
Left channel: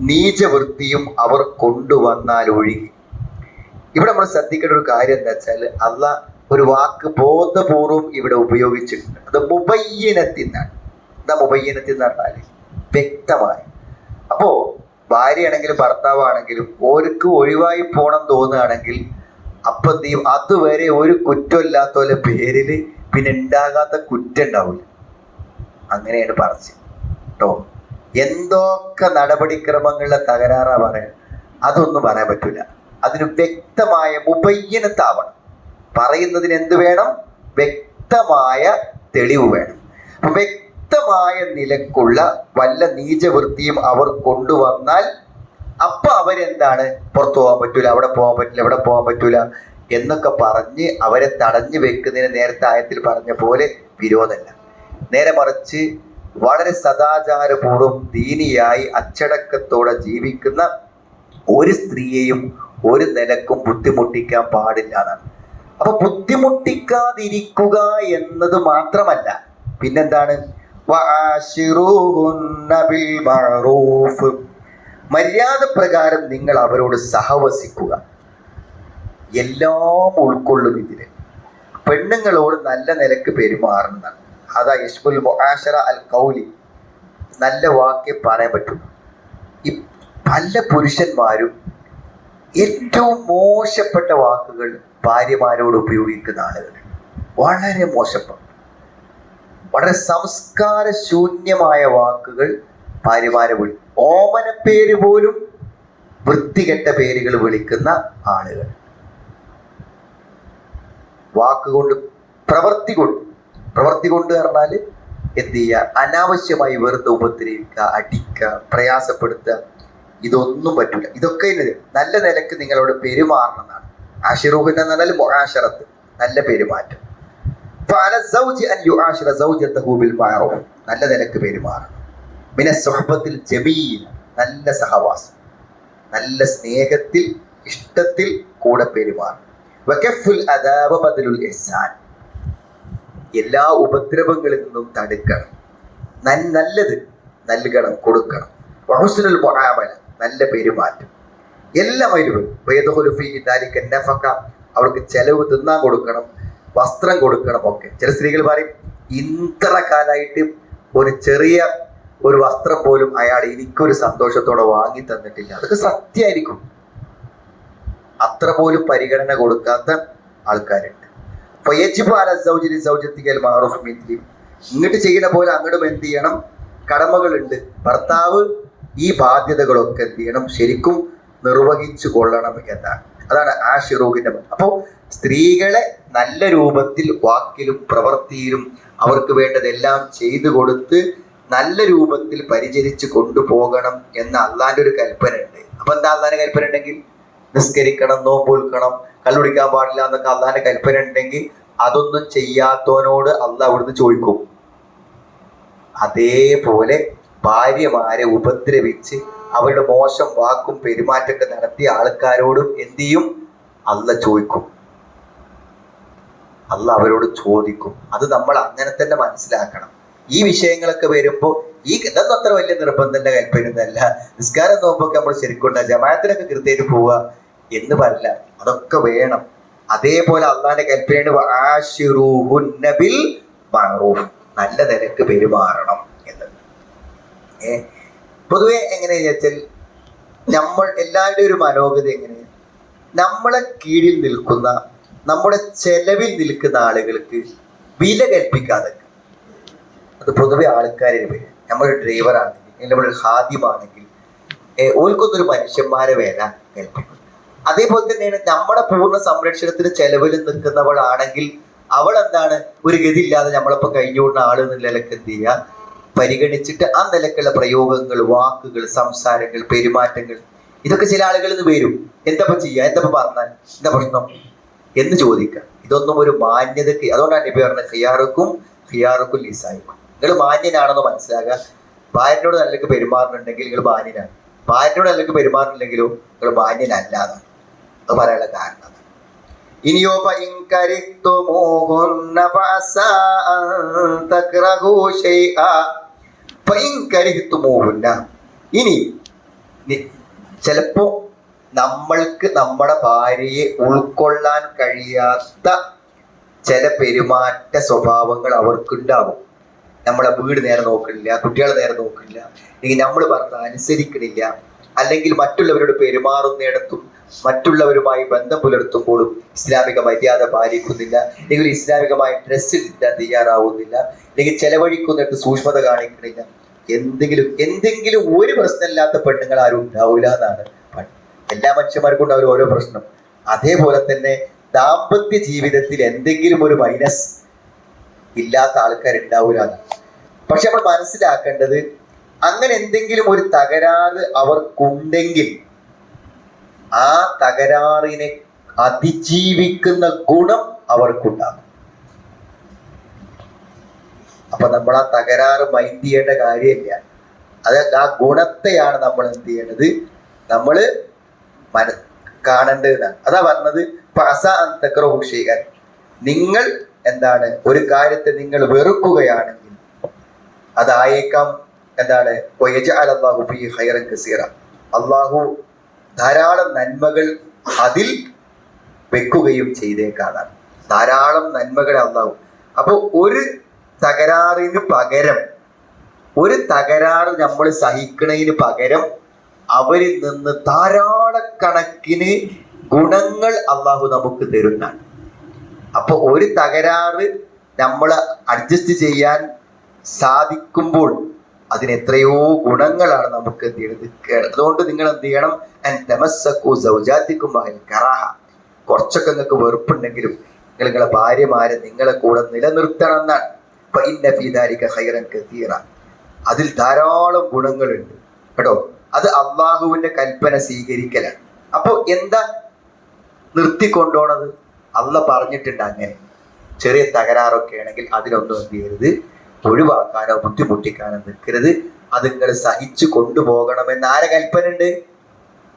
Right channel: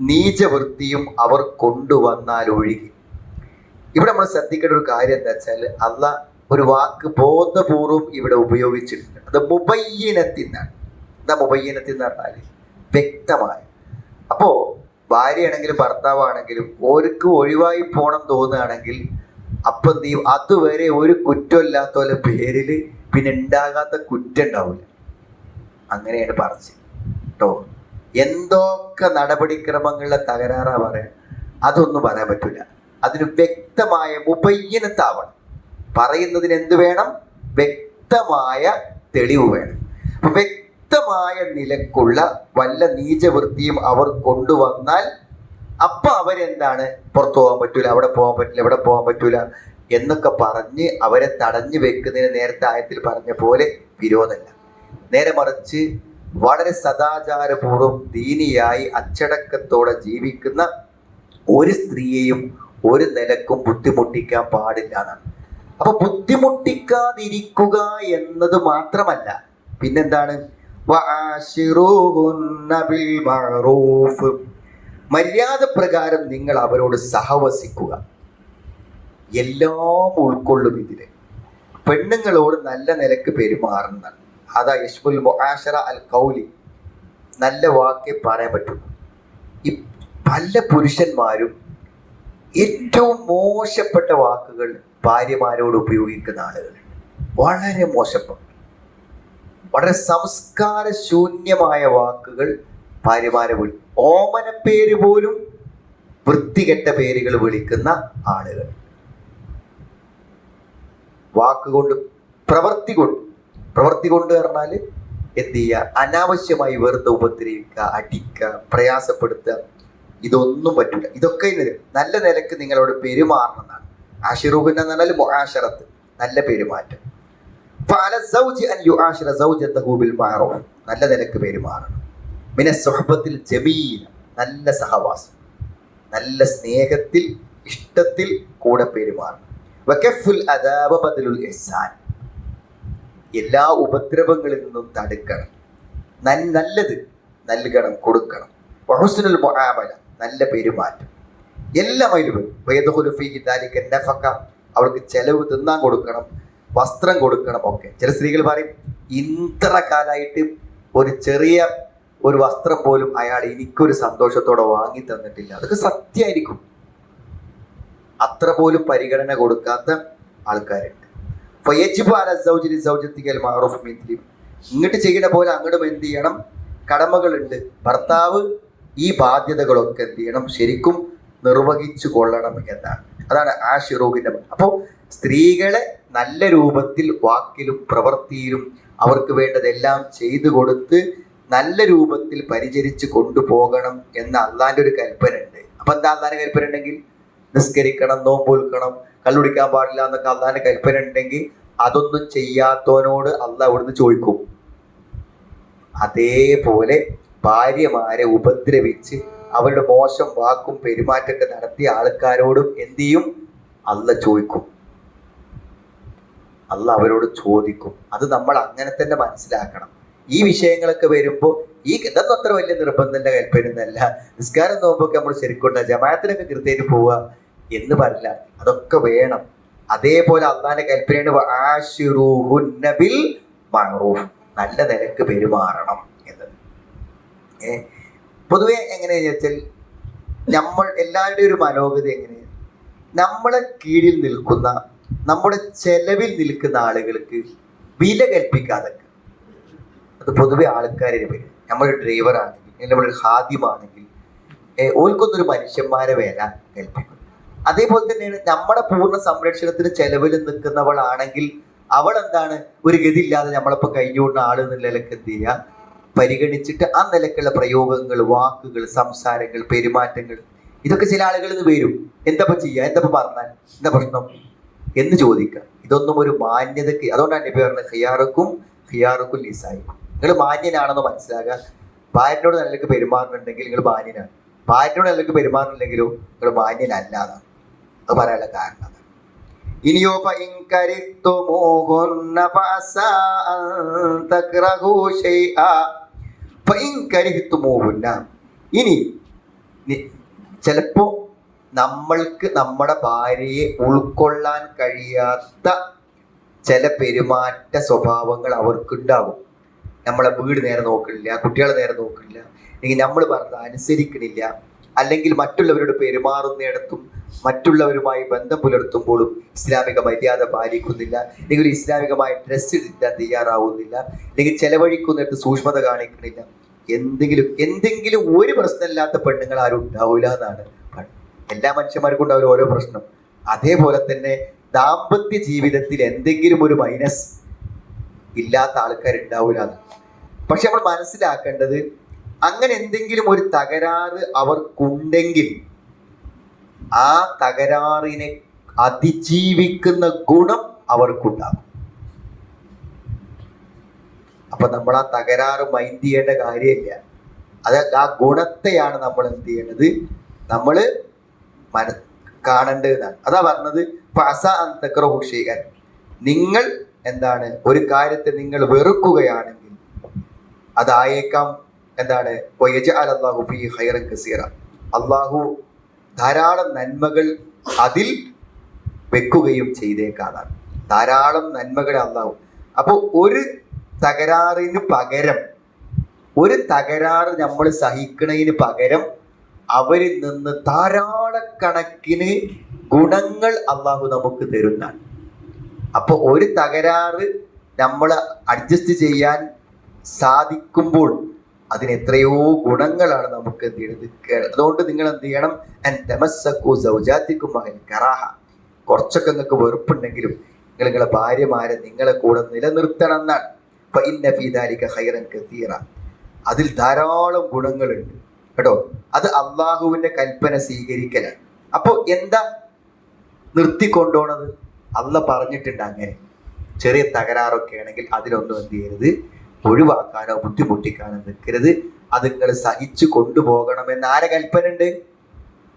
നീചവൃത്തിയും അവർ കൊണ്ടുവന്നാൽ ഒഴികെ. ഇവിടെ നമ്മൾ ശ്രദ്ധിക്കേണ്ട ഒരു കാര്യം എന്താ വെച്ചാൽ അല്ല ഒരു വാക്ക് ബോധപൂർവം ഇവിടെ ഉപയോഗിച്ചിട്ടുണ്ട്. അത് മുബയ്യനത്തിന്നാണ് എന്താ മുബയ്യനത്തിൽ എന്ന് പറഞ്ഞാൽ വ്യക്തമായ. അപ്പോ ഭാര്യയാണെങ്കിലും ഭർത്താവാണെങ്കിലും ഓർക്ക് ഒഴിവായി പോകണം തോന്നുകയാണെങ്കിൽ അപ്പൊ ചെയ്യും? അതുവരെ ഒരു കുറ്റമില്ലാത്ത പോലെ പേരിൽ പിന്നെ ഉണ്ടാകാത്ത കുറ്റം ഉണ്ടാവില്ല അങ്ങനെയാണ് പറഞ്ഞത്. കേട്ടോ എന്തൊക്കെ നടപടിക്രമങ്ങളിലെ തകരാറാ പറയാൻ അതൊന്നും പറയാൻ പറ്റൂല. അതിന് വ്യക്തമായ മുബയ്യനത്താവണം പറയുന്നതിന് എന്ത് വേണം? വ്യക്തമായ തെളിവ് വേണം. വ്യക്തമായ നിലക്കുള്ള വല്ല നീചവൃത്തിയും അവർ കൊണ്ടുവന്നാൽ അപ്പൊ അവരെന്താണ്? പുറത്തു പോകാൻ പറ്റൂല അവിടെ പോകാൻ പറ്റില്ല ഇവിടെ പോകാൻ പറ്റൂല എന്നൊക്കെ പറഞ്ഞ് അവരെ തടഞ്ഞു വെക്കുന്നതിന് നേരത്തെ ആയത്തിൽ പറഞ്ഞ പോലെ വിരോധമല്ല. നേരെ മറിച്ച് വളരെ സദാചാരപൂർവം ദീനിയായി അച്ചടക്കത്തോടെ ജീവിക്കുന്ന ഒരു സ്ത്രീയെയും ഒരു നിലക്കും ബുദ്ധിമുട്ടിക്കാൻ പാടില്ല എന്നാണ്. അപ്പൊ ബുദ്ധിമുട്ടിക്കാതിരിക്കുക എന്നത് മാത്രമല്ല പിന്നെന്താണ്. മര്യാദ പ്രകാരം നിങ്ങൾ അവരോട് സഹവസിക്കുക. എല്ലാം ഉൾക്കൊള്ളും ഇതിന്. പെണ്ണുങ്ങളോട് നല്ല നിലയ്ക്ക് പെരുമാറുന്നതാണ് അതാ യഷ്മുൽ മൊഹാഷറ അൽ കൗലി നല്ല വാക്കേ പറയാൻ പറ്റും. ഈ പല പുരുഷന്മാരും ഏറ്റവും മോശപ്പെട്ട വാക്കുകൾ ഭാര്യമാരോട് ഉപയോഗിക്കുന്ന ആളുകൾ. വളരെ മോശപ്പെട്ട വളരെ സംസ്കാര ശൂന്യമായ വാക്കുകൾ ഭാര്യമാരെ വിളി പേര് പോലും വൃത്തികെട്ട പേരുകൾ വിളിക്കുന്ന ആളുകൾ. വാക്കുകൊണ്ട് പ്രവൃത്തി കൊണ്ട് പ്രവൃത്തി കൊണ്ട് പറഞ്ഞാൽ എന്ത് ചെയ്യുക? അനാവശ്യമായി വെറുതെ ഉപദ്രവിക്കുക അടിക്കുക പ്രയാസപ്പെടുത്തുക. ഇതൊന്നും പറ്റില്ല ഇതൊക്കെ നല്ല നിലയ്ക്ക് നിങ്ങളോട് പെരുമാറണം എന്നാണ് ആഷിറൂഹിന്റെ എന്ന് പറഞ്ഞാൽ നല്ല പെരുമാറ്റം. നല്ല നിലയ്ക്ക് പെരുമാറണം. മിന സുഹബത്തിൽ ജമീൽ നല്ല സഹവാസം നല്ല സ്നേഹത്തിൽ ഇഷ്ടത്തിൽ കൂടെ പെരുമാറും. എല്ലാ ഉപദ്രവങ്ങളിൽ നിന്നും തടുക്കണം. നല്ലത് നൽകണം കൊടുക്കണം. വഹുസ്നുൽ മുആമല നല്ല പെരുമാറ്റം. എല്ലാം അതിൽ വരും. നഫക്ക അവൾക്ക് ചെലവ് തിന്നാൻ കൊടുക്കണം വസ്ത്രം കൊടുക്കണം ഒക്കെ. ചില സ്ത്രീകൾ പറയും ഇത്ര കാലമായിട്ട് ഒരു ചെറിയ ഒരു വസ്ത്രം പോലും അയാൾ എനിക്കൊരു സന്തോഷത്തോടെ വാങ്ങി തന്നിട്ടില്ല. അതൊക്കെ സത്യമായിരിക്കും. അത്ര പോലും പരിഗണന കൊടുക്കാത്ത ആൾക്കാരുണ്ട്. ഇങ്ങോട്ട് ചെയ്യണ പോലെ അങ്ങോട്ടും എന്ത് ചെയ്യണം? കടമകളുണ്ട്. ഭർത്താവ് ഈ ബാധ്യതകളൊക്കെ എന്ത് ചെയ്യണം? ശരിക്കും നിർവഹിച്ചു കൊള്ളണം എന്നാണ്. അതാണ് ആ ഷിറൂഹിന്റെ അപ്പോൾ സ്ത്രീകളെ നല്ല രൂപത്തിൽ വാക്കിലും പ്രവൃത്തിയിലും അവർക്ക് വേണ്ടതെല്ലാം ചെയ്തു കൊടുത്ത് നല്ല രൂപത്തിൽ പരിചരിച്ച് കൊണ്ടുപോകണം എന്ന അള്ളാന്റെ ഒരു കൽപ്പന ഉണ്ട് അപ്പൊ എന്താ അള്ളാന്റെ കൽപ്പന ഉണ്ടെങ്കിൽ? നിസ്കരിക്കണം നോമ്പൊൽക്കണം കല്ലുടിക്കാൻ പാടില്ല എന്നൊക്കെ അള്ളാന്റെ കൽപ്പന ഉണ്ടെങ്കിൽ അതൊന്നും ചെയ്യാത്തവനോട് അള്ള അവിടുന്ന് ചോദിക്കും. അതേപോലെ ഭാര്യമാരെ ഉപദ്രവിച്ച് അവരുടെ മോശം വാക്കും പെരുമാറ്റമൊക്കെ നടത്തിയ ആൾക്കാരോടും എന്ത് ചെയ്യും? അല്ല ചോദിക്കും. അല്ല അവരോട് ചോദിക്കും. അത് നമ്മൾ അങ്ങനെ തന്നെ മനസ്സിലാക്കണം. ഈ വിഷയങ്ങളൊക്കെ വരുമ്പോൾ ഈ ഇതൊന്നും അത്ര വലിയ നിർബന്ധന്റെ കൽപ്പനയൊന്നുമല്ല. നിസ്കാരം നോക്കുമ്പോൾ നമ്മൾ ശരിക്കും ജമാഅത്തിനൊക്കെ കൃത്യമായിട്ട് പോവുക എന്ന് പറയില്ല അതൊക്കെ വേണം. അതേപോലെ അള്ളാന്റെ കൽപ്പനയാണ് ബിൽ നല്ല നിലയ്ക്ക് പെരുമാറണം എന്ന്. ഏ? പൊതുവെ എങ്ങനെയാ വെച്ചാൽ നമ്മൾ എല്ലാവരുടെയും ഒരു മനോഗതി എങ്ങനെയാണ് നമ്മളെ കീഴിൽ നിൽക്കുന്ന നമ്മുടെ ചെലവിൽ നിൽക്കുന്ന ആളുകൾക്ക് വില കൽപ്പിക്കാതെ അത് പൊതുവെ ആൾക്കാരുടെ പേര് നമ്മളൊരു ഡ്രൈവർ ആണെങ്കിൽ അല്ലെങ്കിൽ നമ്മളൊരു ഹാദ്യമാണെങ്കിൽ ഓൽക്കൊന്നൊരു മനുഷ്യന്മാരെ വേല കൽപ്പിക്കും. അതേപോലെ തന്നെയാണ് നമ്മുടെ പൂർണ സംരക്ഷണത്തിന് ചെലവിൽ നിൽക്കുന്നവളാണെങ്കിൽ അവൾ എന്താണ് ഒരു ഗതിയില്ലാതെ നമ്മളിപ്പോ കഴിഞ്ഞുകൊണ്ട ആൾ എന്നുള്ള നിലയ്ക്ക് എന്ത് ചെയ്യുക പരിഗണിച്ചിട്ട് ആ നിലക്കുള്ള പ്രയോഗങ്ങൾ വാക്കുകൾ സംസാരങ്ങൾ പെരുമാറ്റങ്ങൾ ഇതൊക്കെ ചില ആളുകളിൽ നിന്ന് വരും. എന്തപ്പോ ചെയ്യുക എന്തപ്പോ പറഞ്ഞാൽ? എന്താ പ്രശ്നം? എന്ന് ചോദിക്കുക. ഇതൊന്നും ഒരു മാന്യതയ്ക്ക് അതുകൊണ്ടാണ് നബി പറഞ്ഞത് ഖിയാറുക്കും ഹിയാറുക്കും ലിസായിക്കും നിങ്ങൾ മാന്യനാണെന്ന് മനസ്സിലാക്കുക. ഭാര്യനോട് നല്ലക്ക് പെരുമാറുന്നുണ്ടെങ്കിൽ നിങ്ങൾ മാന്യനാണ്. ഭാര്യനോട് നല്ലക്ക് പെരുമാറുന്നില്ലെങ്കിലോ നിങ്ങൾ മാന്യനല്ല അത് പറയാനുള്ള കാരണം. ഇനിയോ ശൈആ ഇനി ചിലപ്പോ നമ്മൾക്ക് നമ്മുടെ ഭാര്യയെ ഉൾക്കൊള്ളാൻ കഴിയാത്ത ചില പെരുമാറ്റ സ്വഭാവങ്ങൾ അവർക്കുണ്ടാവും. നമ്മളെ വീട് നേരെ നോക്കണില്ല കുട്ടികളെ നേരെ നോക്കണില്ല അല്ലെങ്കിൽ നമ്മൾ പറഞ്ഞത് അനുസരിക്കണില്ല അല്ലെങ്കിൽ മറ്റുള്ളവരോട് പെരുമാറുന്നിടത്തും മറ്റുള്ളവരുമായി ബന്ധം പുലർത്തുമ്പോഴും ഇസ്ലാമിക മര്യാദ പാലിക്കുന്നില്ല അല്ലെങ്കിൽ ഇസ്ലാമികമായ ഡ്രസ്സ് ഇടാൻ തയ്യാറാവുന്നില്ല അല്ലെങ്കിൽ ചെലവഴിക്കുന്നിടത്ത് സൂക്ഷ്മത കാണിക്കുന്നില്ല എന്തെങ്കിലും എന്തെങ്കിലും ഒരു പ്രശ്നമില്ലാത്ത പെണ്ണുങ്ങൾ ആരും ഉണ്ടാവില്ല എന്നാണ്. എല്ലാ മനുഷ്യന്മാർക്കും ഉണ്ടാവില്ല ഓരോ പ്രശ്നം അതേപോലെ തന്നെ ദാമ്പത്യ ജീവിതത്തിൽ എന്തെങ്കിലും ഒരു മൈനസ് ഇല്ലാത്ത ആൾക്കാരുണ്ടാവില്ല പക്ഷെ നമ്മൾ മനസ്സിലാക്കേണ്ടത് അങ്ങനെ എന്തെങ്കിലും ഒരു തകരാറ് അവർക്കുണ്ടെങ്കിൽ ആ തകരാറിനെ അതിജീവിക്കുന്ന ഗുണം അവർക്കുണ്ടാകും. അപ്പൊ നമ്മൾ ആ തകരാറ് മൈൻഡ് ചെയ്യേണ്ട കാര്യമില്ല. അത് ആ ഗുണത്തെയാണ് നമ്മൾ എന്ത് ചെയ്യേണ്ടത്? നമ്മൾ മന കാണേണ്ടതാണ് അതാ പറഞ്ഞത് പസ അന്തക്രഹു ചെയ്യാൻ നിങ്ങൾ എന്താണ്? ഒരു കാര്യത്തെ നിങ്ങൾ വെറുക്കുകയാണെങ്കിൽ അതായേക്കാം എന്താണ്? ഖൈറൻ കസീറ. അള്ളാഹു ധാരാളം നന്മകൾ അതിൽ വെക്കുകയും ചെയ്തേക്കാതാണ് ധാരാളം നന്മകൾ അള്ളാഹു അപ്പോൾ ഒരു തകരാറിന് പകരം ഒരു തകരാറ് നമ്മൾ സഹിക്കുന്നതിന് പകരം അവരിൽ നിന്ന് ധാരാളക്കണക്കിന് ഗുണങ്ങൾ അള്ളാഹു നമുക്ക് തരുന്നതാണ്. അപ്പോൾ ഒരു തകരാറ് നമ്മൾ അഡ്ജസ്റ്റ് ചെയ്യാൻ സാധിക്കുമ്പോൾ അതിന് എത്രയോ ഗുണങ്ങളാണ് നമുക്ക് എന്ത് ചെയ്യുന്നത് അതുകൊണ്ട് നിങ്ങൾ എന്ത് ചെയ്യണം? അൻ തമസ്സക്കു സൗജാത്തിക്കും കറാഹ. കുറച്ചൊക്കെ നിങ്ങൾക്ക് വെറുപ്പുണ്ടെങ്കിലും നിങ്ങൾ നിങ്ങളെ ഭാര്യമാരെ നിങ്ങളെ കൂടെ നിലനിർത്തണം എന്നാണ്. അതിൽ ധാരാളം ഗുണങ്ങളുണ്ട്. കേട്ടോ? അത് അള്ളാഹുവിന്റെ കൽപ്പന സ്വീകരിക്കലാണ്. അപ്പോൾ എന്താ നിർത്തിക്കൊണ്ടോണത്? അല്ല പറഞ്ഞിട്ടുണ്ട് അങ്ങനെ. ചെറിയ തകരാറൊക്കെ ആണെങ്കിൽ അതിനൊന്നും എന്ത് ചെയ്യരുത്. ഒഴിവാക്കാനോ ബുദ്ധിമുട്ടിക്കാനോ നിൽക്കരുത്. അത് നിങ്ങൾ സഹിച്ചു കൊണ്ടുപോകണമെന്ന് ആരെ കൽപ്പന ഉണ്ട്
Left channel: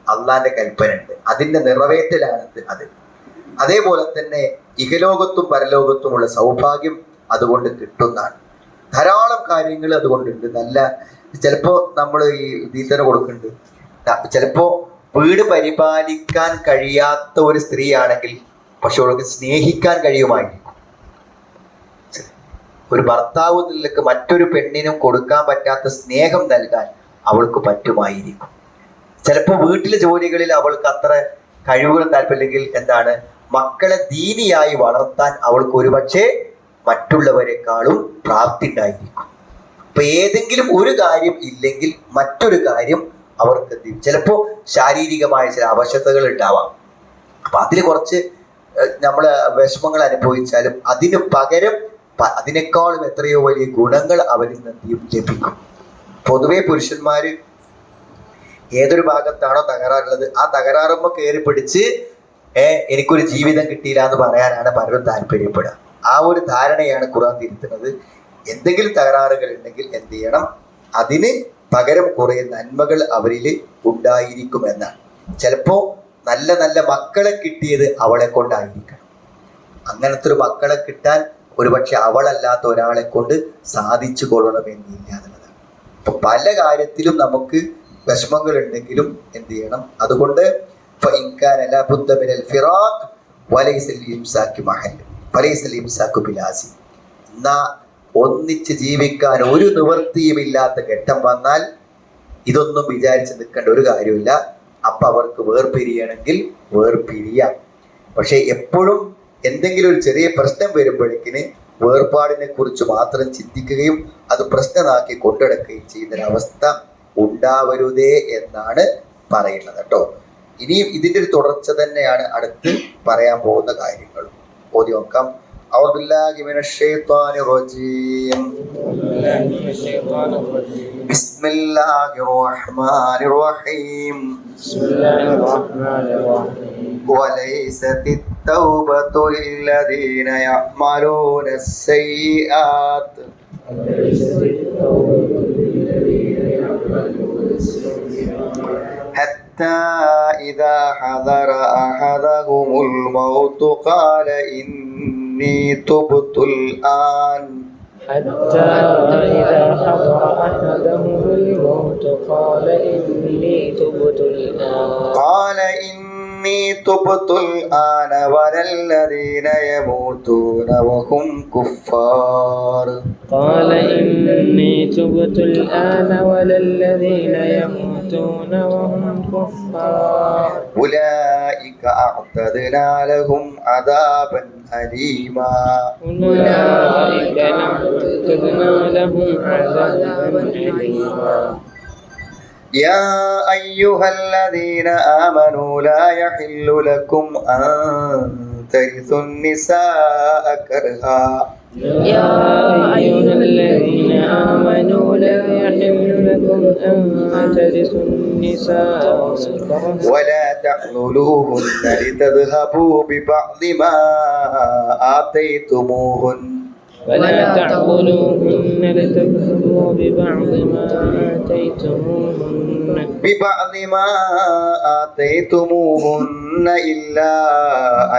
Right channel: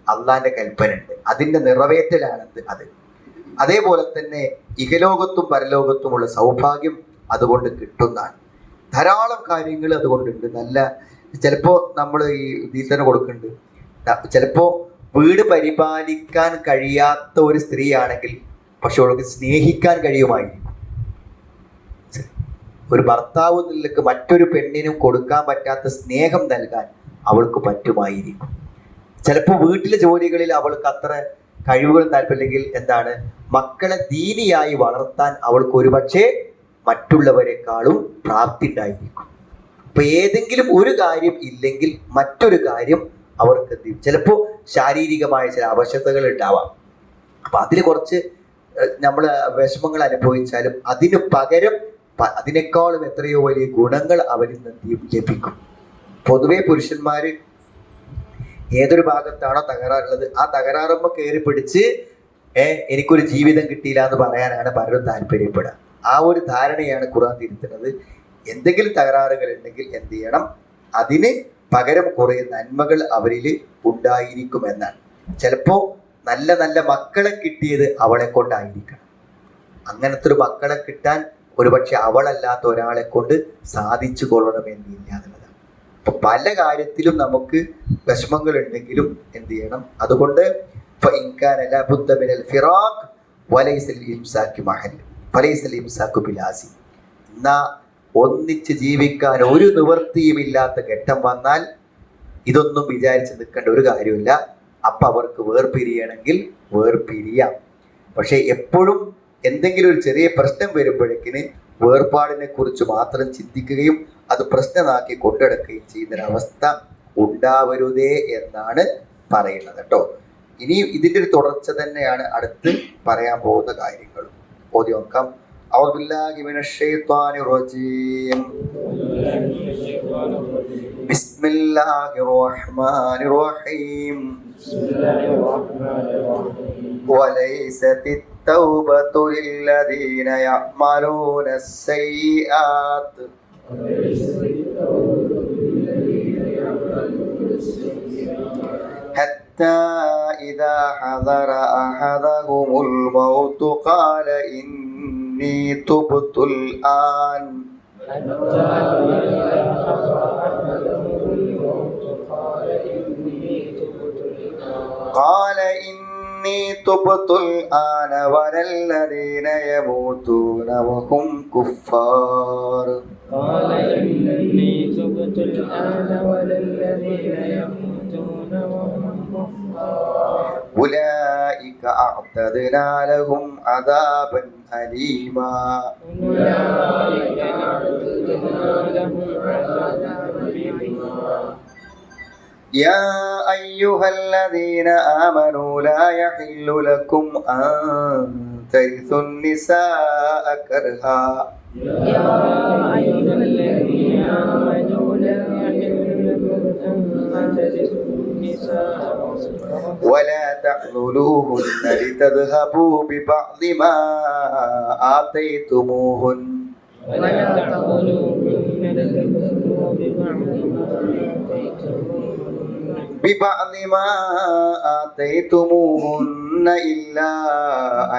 അള്ളാന്റെ കൽപ്പന ഉണ്ട് അതിന്റെ നിറവേറ്റലാണ് അത്. അതേപോലെ തന്നെ ഇഹലോകത്തും പരലോകത്തുമുള്ള സൗഭാഗ്യം അതുകൊണ്ട് കിട്ടുന്നതാണ്. ധാരാളം കാര്യങ്ങൾ അതുകൊണ്ടുണ്ട്. നല്ല ചിലപ്പോ നമ്മൾ ഈ ഇതിൽ തന്നെ കൊടുക്കുന്നുണ്ട്. ചിലപ്പോ വീട് പരിപാലിക്കാൻ കഴിയാത്ത ഒരു സ്ത്രീ ആണെങ്കിൽ പക്ഷെ അവൾക്ക് സ്നേഹിക്കാൻ കഴിയുമായിരിക്കും. ഒരു ഭർത്താവ് നിലയ്ക്ക് മറ്റൊരു പെണ്ണിനും കൊടുക്കാൻ പറ്റാത്ത സ്നേഹം നൽകാൻ അവൾക്ക് പറ്റുമായിരിക്കും. ചിലപ്പോൾ വീട്ടിലെ ജോലികളിൽ അവൾക്ക് അത്ര കഴിവുകളും താല്പര്യമില്ലെങ്കിൽ എന്താണ്? മക്കളെ ദീനിയായി വളർത്താൻ അവൾക്ക് ഒരുപക്ഷെ മറ്റുള്ളവരെക്കാളും പ്രാപ്തി ഉണ്ടായിരിക്കും. അപ്പൊ ഏതെങ്കിലും ഒരു കാര്യം ഇല്ലെങ്കിൽ മറ്റൊരു കാര്യം അവർക്ക് ചിലപ്പോൾ ശാരീരികമായ ചില അവശതകൾ ഉണ്ടാവാം. അപ്പൊ അതിൽ കുറച്ച് നമ്മൾ വിഷമങ്ങൾ അനുഭവിച്ചാലും അതിനു പകരം അതിനേക്കാളും എത്രയോ വലിയ ഗുണങ്ങൾ അവരിൽ നിന്ന്? ലഭിക്കും. പൊതുവെ പുരുഷന്മാര് ഏതൊരു ഭാഗത്താണോ തകരാറുള്ളത് ആ തകരാറുമ്പോ കയറി പിടിച്ച് ഏ എനിക്കൊരു ജീവിതം കിട്ടിയില്ല എന്ന് പറയാനാണ് പലരും താല്പര്യപ്പെടുക. ആ ഒരു ധാരണയാണ് ഖുറാൻ തിരുത്തുന്നത്. എന്തെങ്കിലും തകരാറുകൾ ഉണ്ടെങ്കിൽ എന്ത് ചെയ്യണം? അതിന് പകരം കുറേ നന്മകൾ അവരിൽ ഉണ്ടായിരിക്കുമെന്നാണ് ചിലപ്പോ നല്ല നല്ല മക്കളെ കിട്ടിയത് അവളെ കൊണ്ടായിരിക്കണം. അങ്ങനത്തെ ഒരു മക്കളെ കിട്ടാൻ ഒരുപക്ഷെ അവളല്ലാത്ത ഒരാളെ കൊണ്ട് സാധിച്ചു കൊള്ളണമെന്നില്ല എന്നുള്ളതാണ്. ഇപ്പൊ പല കാര്യത്തിലും നമുക്ക് വിഷമങ്ങൾ ഉണ്ടെങ്കിലും എന്ത് ചെയ്യണം? അതുകൊണ്ട് ഫിറാഖ് എന്നാ ഒന്നിച്ച് ജീവിക്കാൻ ഒരു നിവൃത്തിയുമില്ലാത്ത ഘട്ടം വന്നാൽ ഇതൊന്നും വിചാരിച്ച് നിൽക്കേണ്ട ഒരു കാര്യമില്ല. അപ്പൊ അവർക്ക് വേർപിരിയണമെങ്കിൽ വേർപിരിയാം. പക്ഷേ എപ്പോഴും എന്തെങ്കിലും ഒരു ചെറിയ പ്രശ്നം വരുമ്പോഴേക്കിന് വേർപാടിനെ കുറിച്ച് മാത്രം ചിന്തിക്കുകയും അത് പ്രശ്നമാക്കി കൊണ്ടെടുക്കുകയും ചെയ്യുന്നൊരവസ്ഥ ഉണ്ടാവരുതേ എന്നാണ് പറയുന്നത് കേട്ടോ. ഇനിയും ഇതിന്റെ ഒരു തുടർച്ച തന്നെയാണ് അടുത്ത് പറയാൻ പോകുന്ന കാര്യങ്ങൾ ഓതി നോക്കാം. أعوذ بالله من الشيطان الرجيم. بسم الله الرحمن الرحيم. وليست التوبة للذين يعملون السيئات. حتى إذا حضر أحدهم الموت قال إني تبت الآن. حتى إذا حضر أحدهم الموت قال إني تبت الآن. قال إني تبت الآن ولا الذين يموتون وهم كفار. قال إني تبت الآن ولا الذين يموتون وهم كفار. أولئك أعتدنا لهم عذابا أليما. أولئك أعتدنا لهم عذابا أليما. يا أيها الذين آمنوا لا يحل لكم أن ترثوا النساء كرها. يا أيها الذين آمنوا لا يحل أن ترثوا النساء ولا تعذلوهن لتذهبوا ببعض ما آتيتموهن. ولا تعضلوهن لتكفروا ببعض ما آتيتموهن. ببعض ما آتيتموهن إلا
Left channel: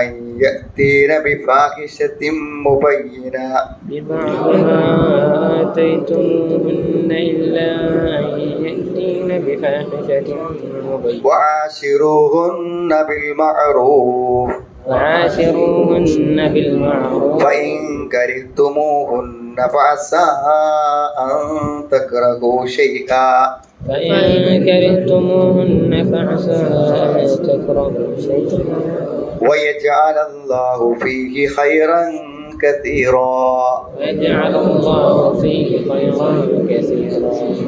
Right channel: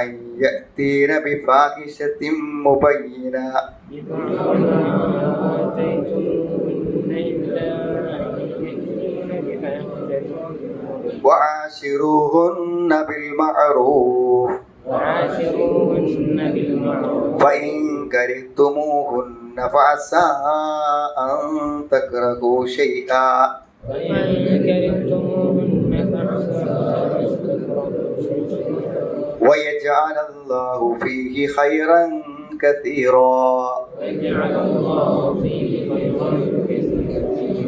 أن يأتين بفاحشة مبينة. ببعض ما آتيتموهن إلا أن يأتين بفاحشة مبينة. وعاشروهن بالمعروف. وعاشروهن بالمعروف. فإن كرهتموهن فعسى أن تكرهوا شيئا. فإن كرهتموهن فعسى أن تكرهوا شيئا. ويجعل الله فيه خيرا كثيرا. ويجعل الله فيه خيرا كثيرا.